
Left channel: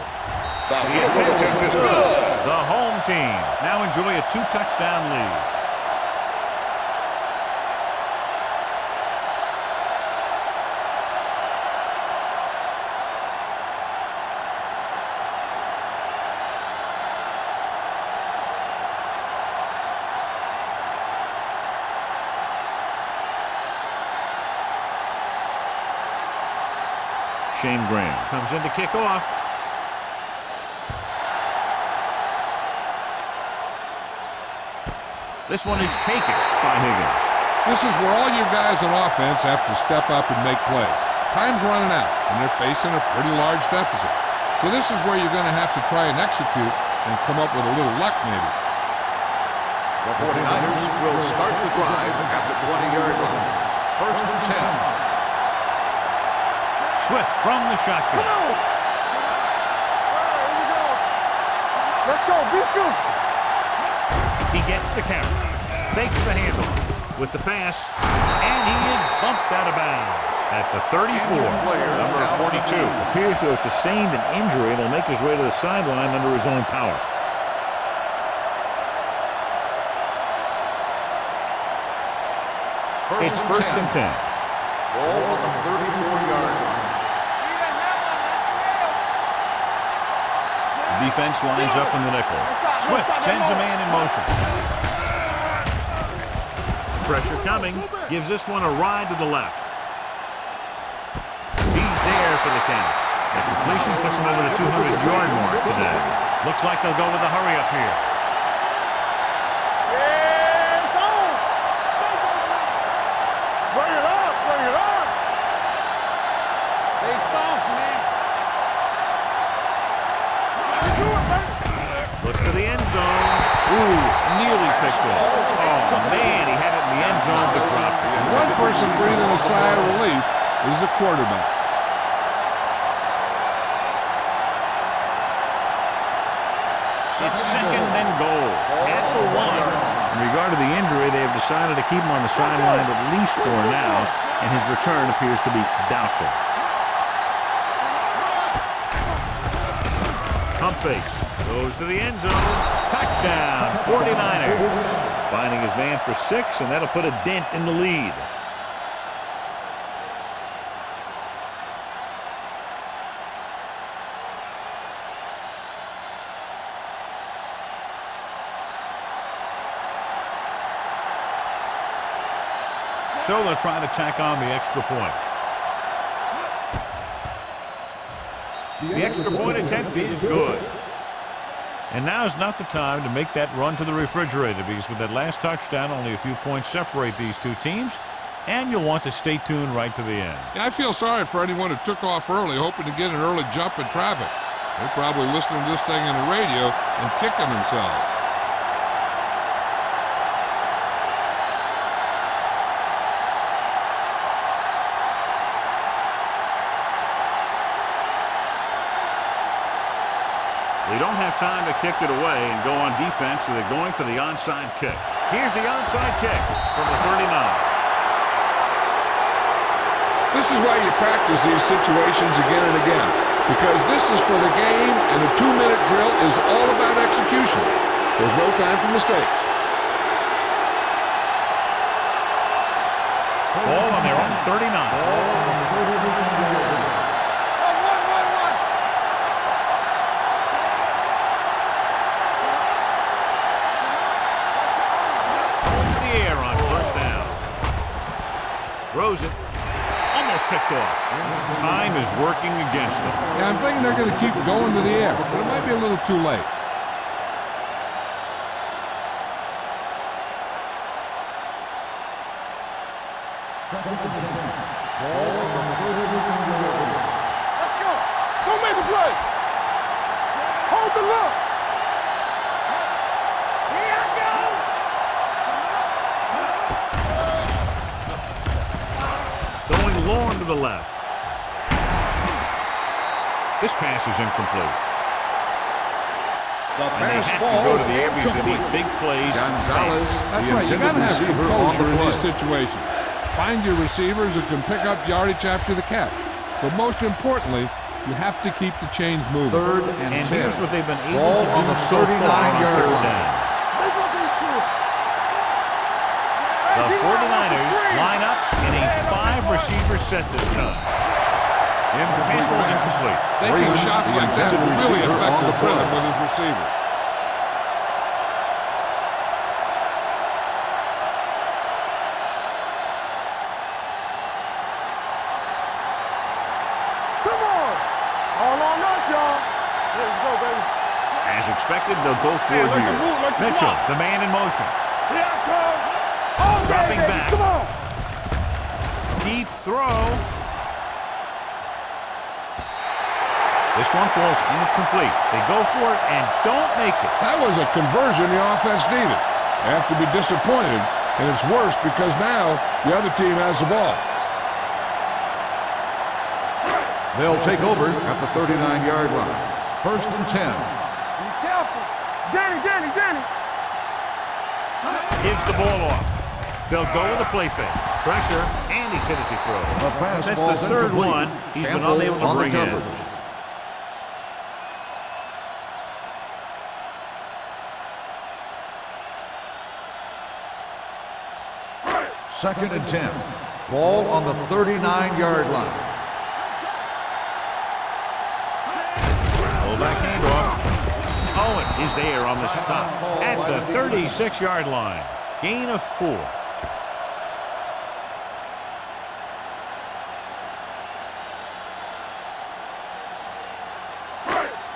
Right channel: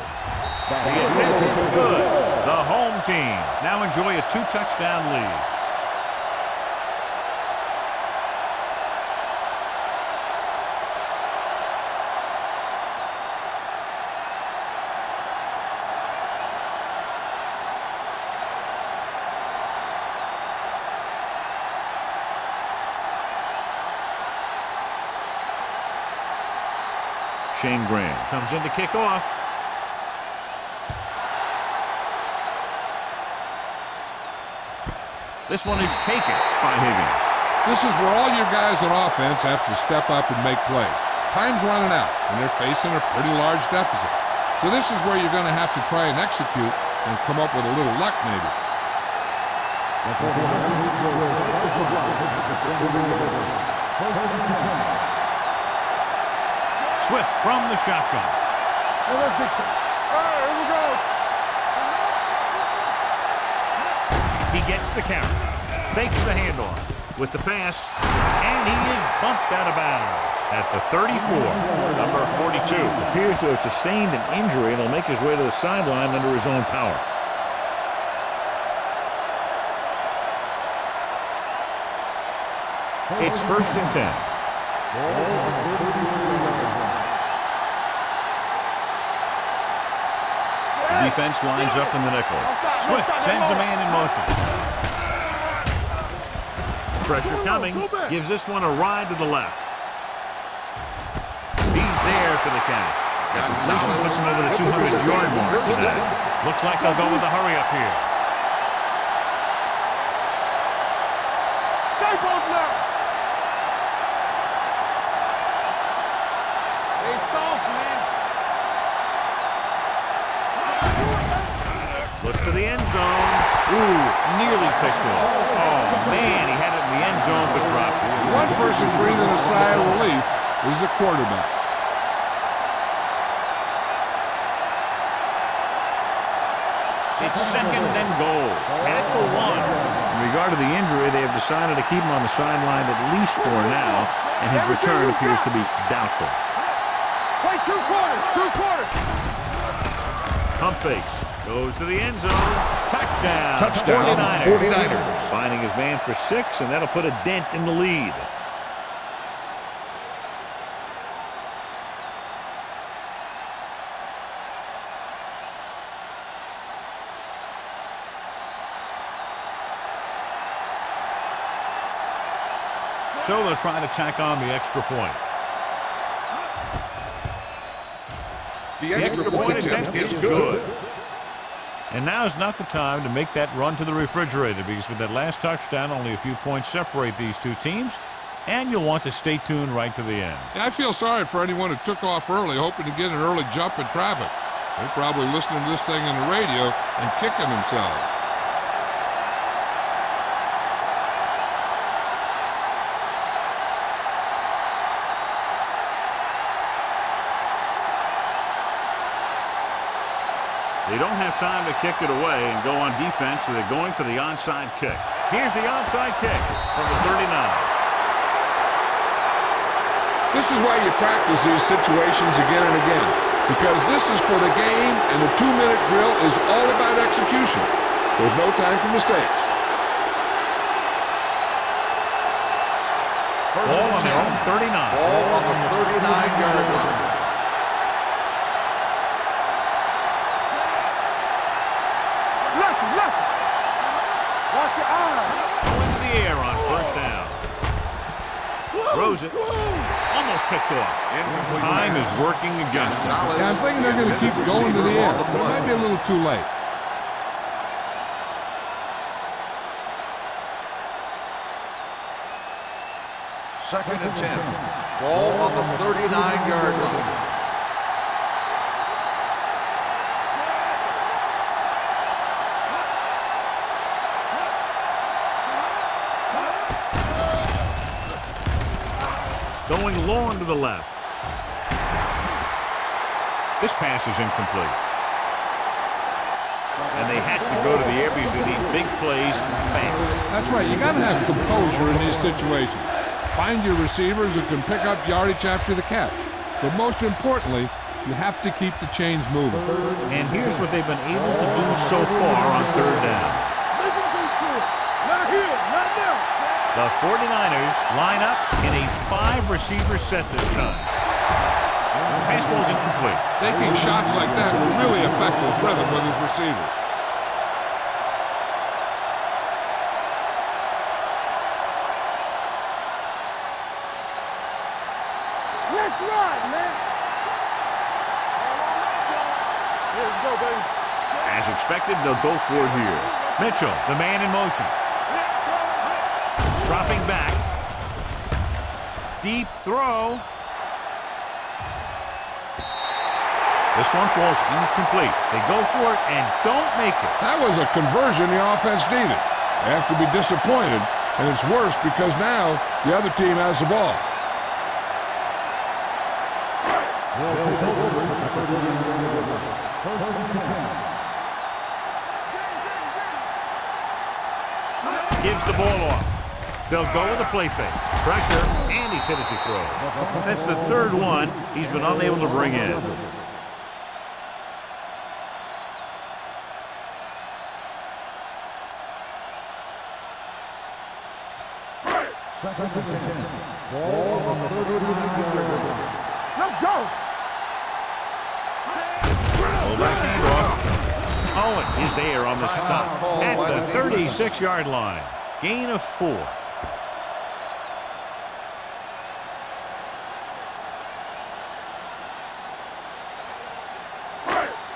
The attempt is good. The home team now enjoy a 2-touchdown lead. Shane Graham comes in to kick off. This one is taken by Higgins. This is where all your guys on offense have to step up and make plays. Time's running out, and they're facing a pretty large deficit. So this is where you're going to have to try and execute and come up with a little luck maybe. The 49ers will start the drive at the 20-yard line. First and 10. Swift from the shotgun. All right, here we go. Let's go. Be good. He gets the carry. Fakes the handoff with the pass. And he is bumped out of bounds at the 34. Number 42 appears to have sustained an injury and will make his way to the sideline under his own power. It's first and 10. Ball on the 34-yard line. The defense lines up in the nickel. Swift sends a man in motion. Pressure coming. Gives this one a ride to the left. He's there for the catch. The completion puts him over the 200-yard mark today. Looks like they'll go with a hurry up here. Stay close now. Bring it up. Bring it up. Stay soft, man. Do it, man. Looks to the end zone. Ooh, nearly picked off. Oh, man, he had it in the end zone but dropped it. One person breathing a sigh of relief is the quarterback. It's second and goal at the 1. In regard to the injury, they have decided to keep him on the sideline at least for now, and his return appears to be doubtful. Play 2 quarters. 2 quarters. Pump fakes. Goes to the end zone. Touchdown. 49ers. Finding his man for 6, and that'll put a dent in the lead. So they'll try to tack on the extra point. The extra point attempt is good. And now's not the time to make that run to the refrigerator, because with that last touchdown, only a few points separate these two teams, and you'll want to stay tuned right to the end. Yeah, I feel sorry for anyone who took off early, hoping to get an early jump in traffic. They're probably listening to this thing on the radio and kicking themselves. They don't have time to kick it away and go on defense, so they're going for the onside kick. Here's the onside kick from the 39. This is why you practice these situations again and again, because this is for the game, and the 2-minute drill is all about execution. There's no time for mistakes. Ball on their own 39. Ball on the 39-yard line. Throws it. Almost picked off. Time is working against them. Yeah, I'm thinking they're going to keep going to the air, but it might be a little too late. Second and 10. Ball on the 39-yard line. Go make a play. Hold the look. Going long to the left. This pass is incomplete. And they have to go to the air because they need big plays fast. That's right. You got to have composure in these situations. Find your receivers who can pick up yardage after the catch. But most importantly, You have to keep the chains moving. And here's what they've been able to do so far on third down. Make them go short. Not here, not now. The 49ers line up in a 5-receiver set this time. The pass ball's incomplete. Taking shots like that will really affect his rhythm with his receiver. Let's run, man. Come on. All on us, y'all. Yeah, let's go, baby. As expected, they'll go for it here. Mitchell, the man in motion. Here I come. Dropping back. Deep throw. This one falls incomplete. They go for it and don't make it. That was a conversion the offense needed. They have to be disappointed, and it's worse because now the other team has the ball. They'll take over at the 39-yard line. 1st and 10. Be careful. Danny. Gives the ball off. They'll go with a play fake. Pressure, and he's hit as he throws. That's the third one he's been unable to bring in. Second and 10. Ball on the 39-yard line. Let's go. Fullback handoff. Owen is there on the stop at the 36-yard line. Gain of 4.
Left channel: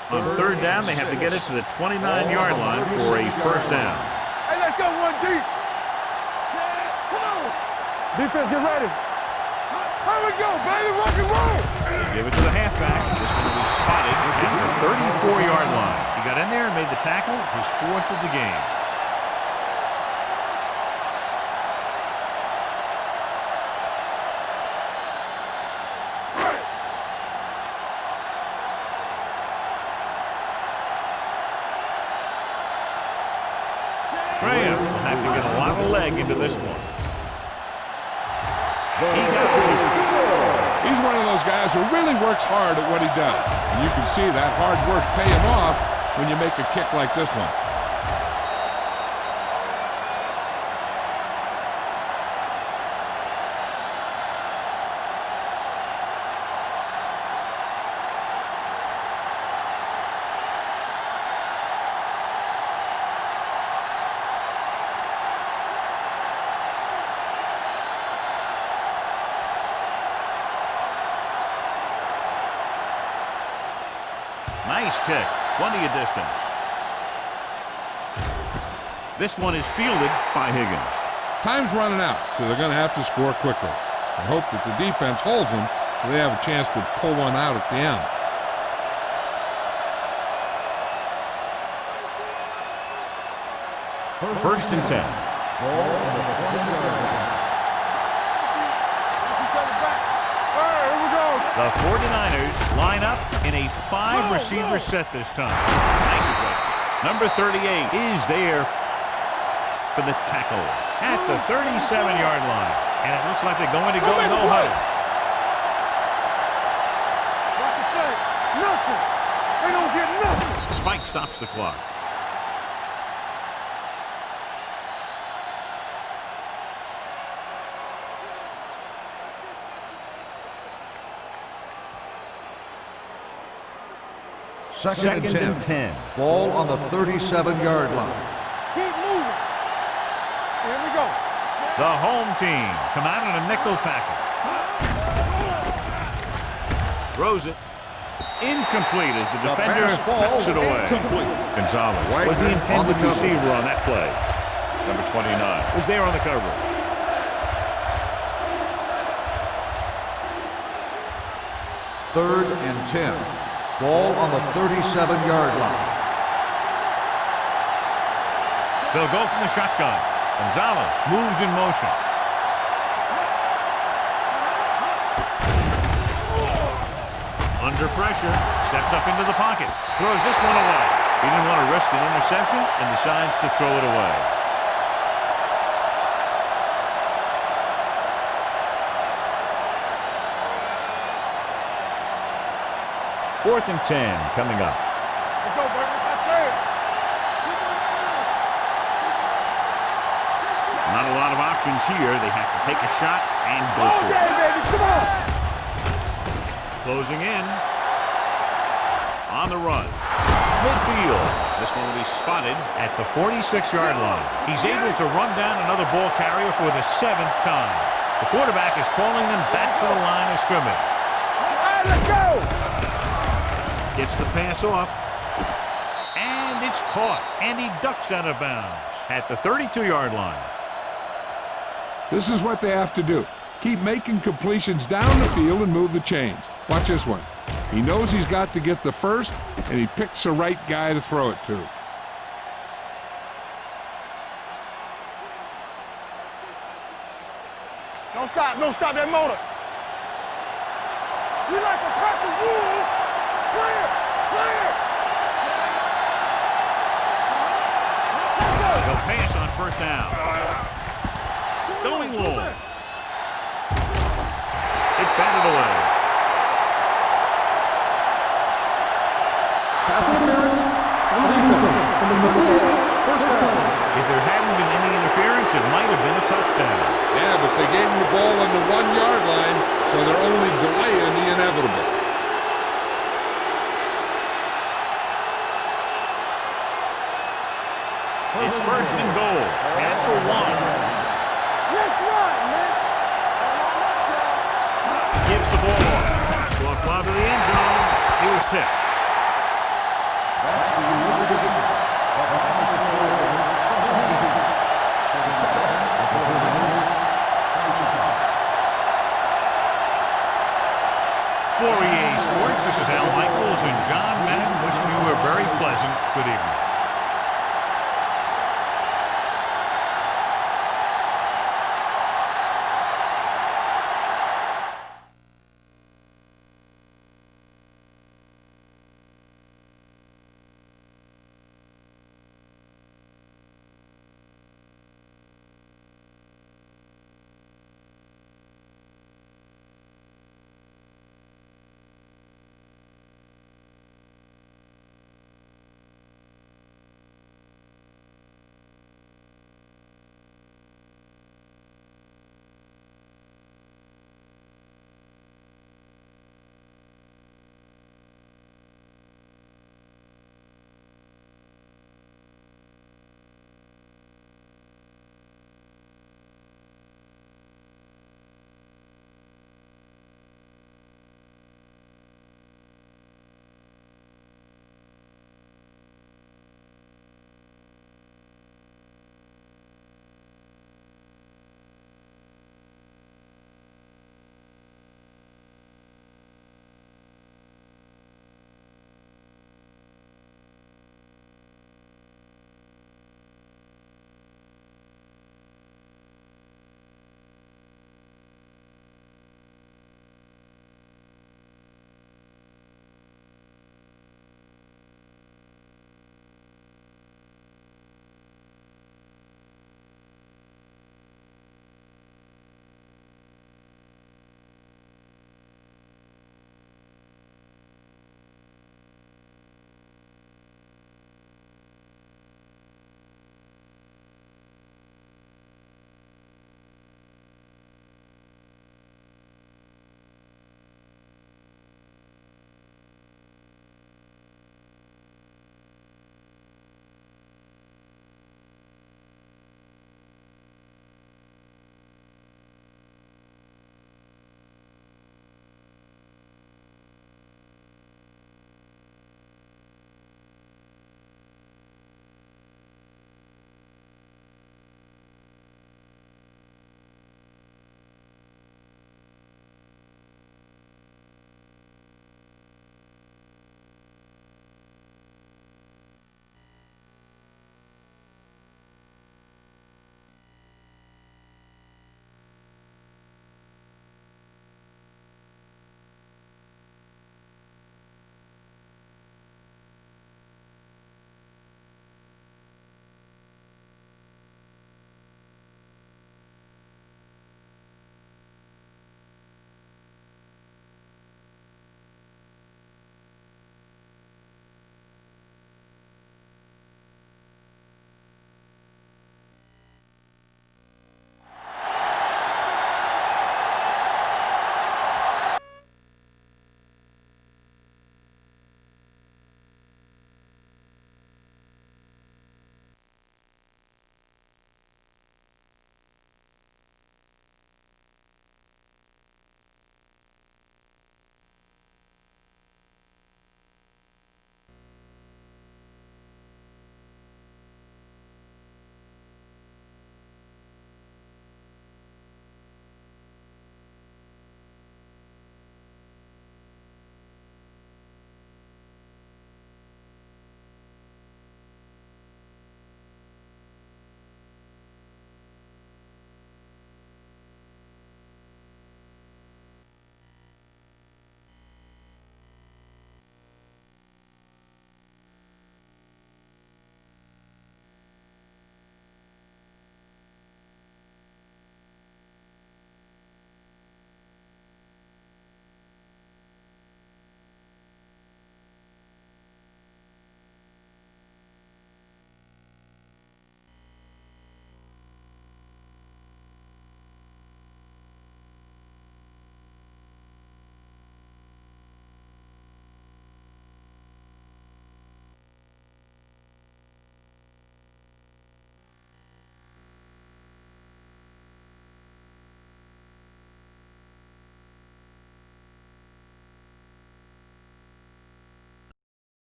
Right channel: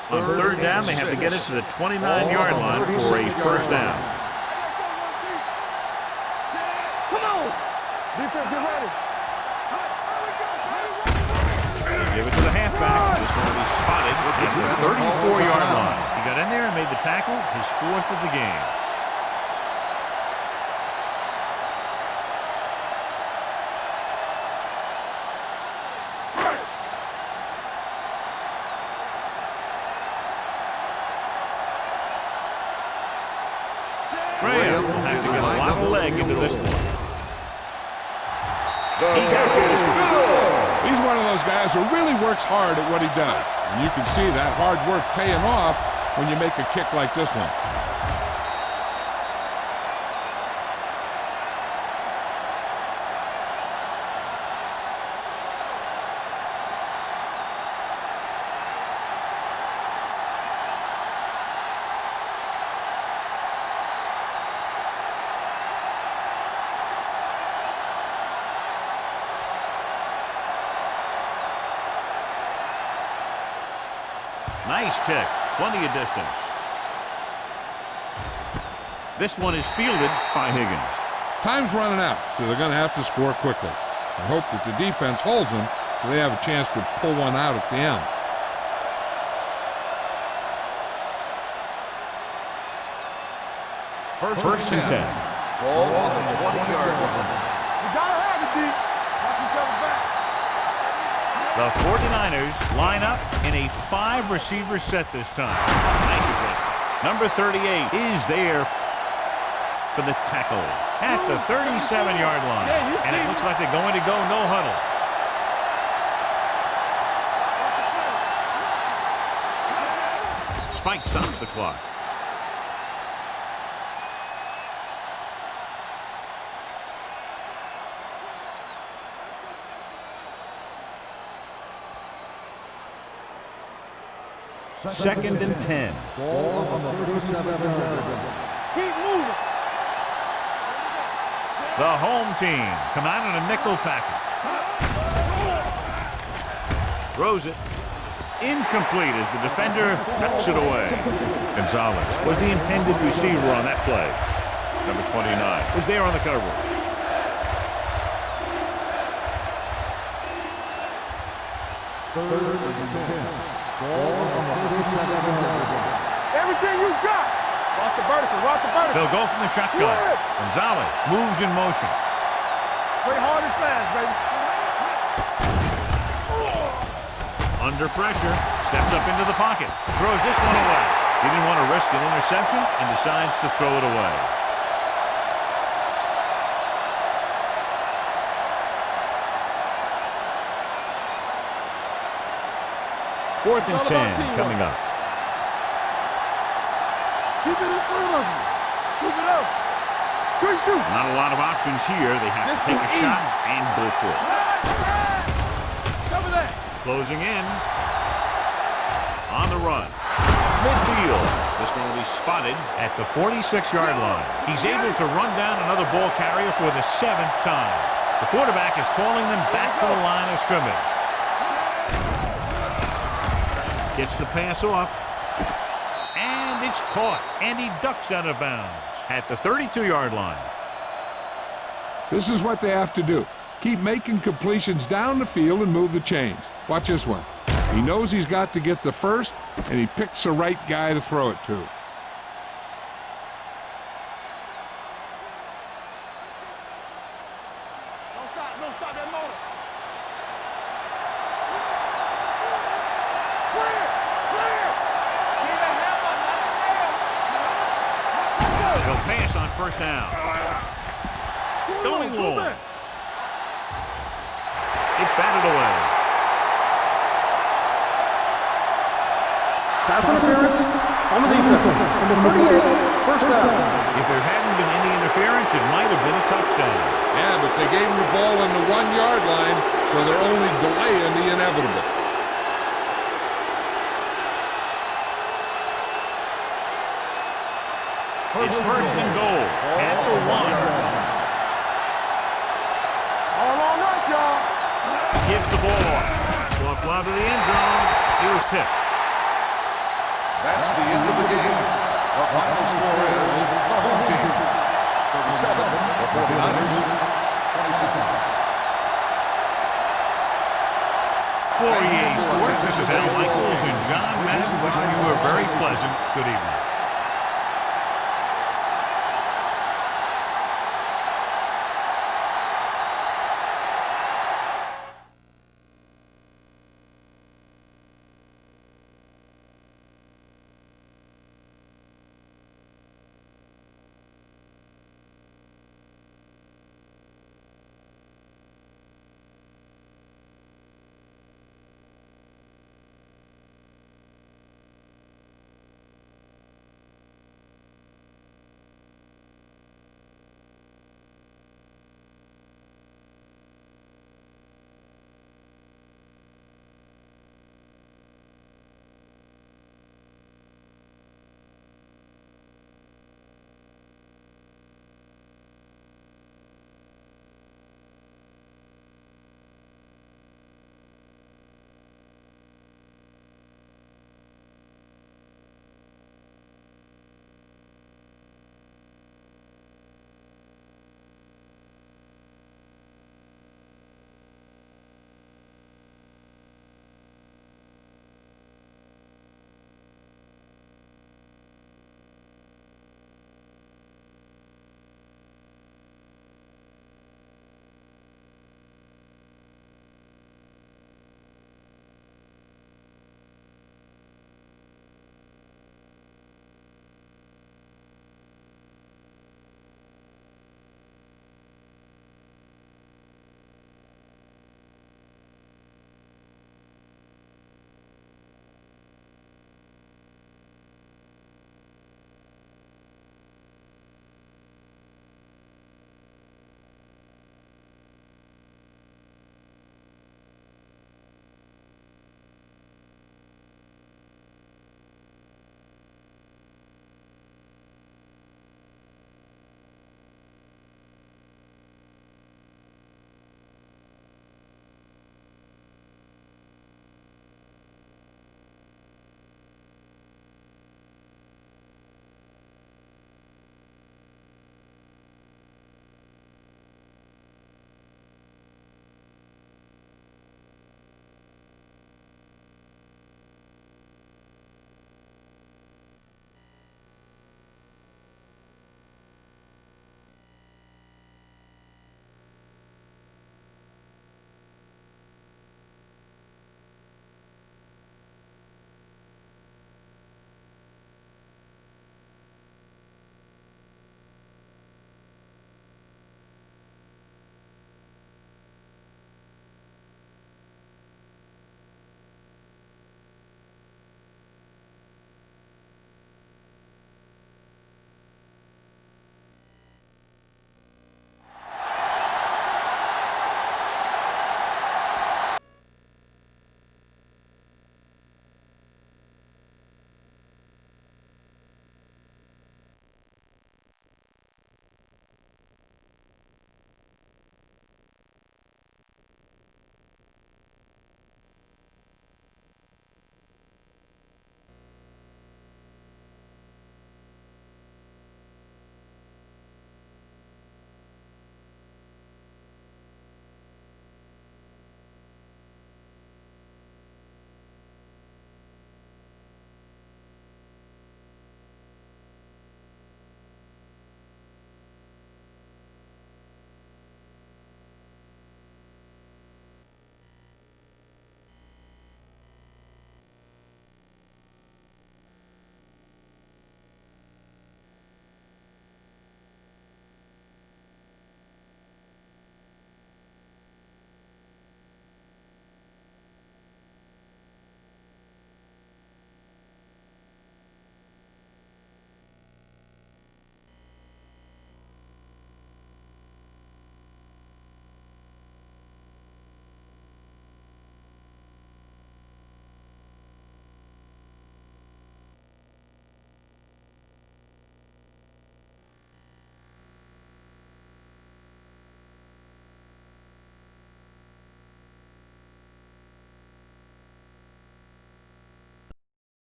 On third down, they have to get it to the 29-yard line for a first down. Hey, let's go one deep. Come on. Defense, get ready. Here we go, baby. Rock and roll. They give it to the halfback. This one will be spotted at the 34-yard line. He got in there and made the tackle, his 4th of the game. Graham will have to get a lot of leg into this one. He got hold of it. He's one of those guys who really works hard at what he does. And you can see that hard work paying off when you make a kick like this one. Nice kick. Plenty of distance. This one is fielded by Higgins. Time's running out, so they're going to have to score quickly. I hope that the defense holds them so they have a chance to pull one out at the end. First and 10. Ball on the 20-yard line. Watch each other back. All right, here we go. The 49ers line up in a 5-receiver set this time. Nice adjustment. Number 38 is there for the tackle at the 37-yard line. And it looks like they're going to go no huddle. Watch the play. Nothing. We gonna get nothing. Spike stops the clock. Second and 10. Ball on the 37-yard line. Keep moving. Here we go. The home team come out in a nickel package. Throws it. Incomplete as the defender knocks it away. Gonzalez was the intended receiver on that play. Number 29 was there on the coverage. Third and 10. Ball on the 37-yard line. Everything you got. Watch the vertical. Watch the vertical. They'll go from the shotgun. Gonzalez moves in motion. Play hard and fast, baby. Under pressure, steps up into the pocket, throws this one away. He didn't want to risk an interception and decides to throw it away. 4th and 10 coming up. Let's go, baby. Keep it in front of you. Keep it up. Good shoot. Not a lot of options here. They have to take a shot and go for it. Closing in. On the run. Midfield. This one will be spotted at the 46-yard line. He's able to run down another ball carrier for the 7th time. The quarterback is calling them back to the line of scrimmage. Gets the pass off. And it's caught. And he ducks out of bounds at the 32-yard line. This is what they have to do. Keep making completions down the field and move the chains. Watch this one. He knows he's got to get the first, and he picks the right guy to throw it to. Don't stop that motor. You like to cut the rules. Clear. They'll pass on first down. Going low. It's batted away. Pass interference on the defense. Number 38, first down. If there hadn't been any interference, it might have been a touchdown. Yeah, but they gave him the ball on the 1-yard line, so they're only delaying the inevitable. It's first and goal at the 1. Yes, right, man. All on us, y'all. Gives the ball off. Soft lob to the end zone. He was tipped. That's the end of the game. The final score is the home team 37, the 49ers 27. For EA Sports, this is Al Michaels and John Madden wishing you a very pleasant good evening.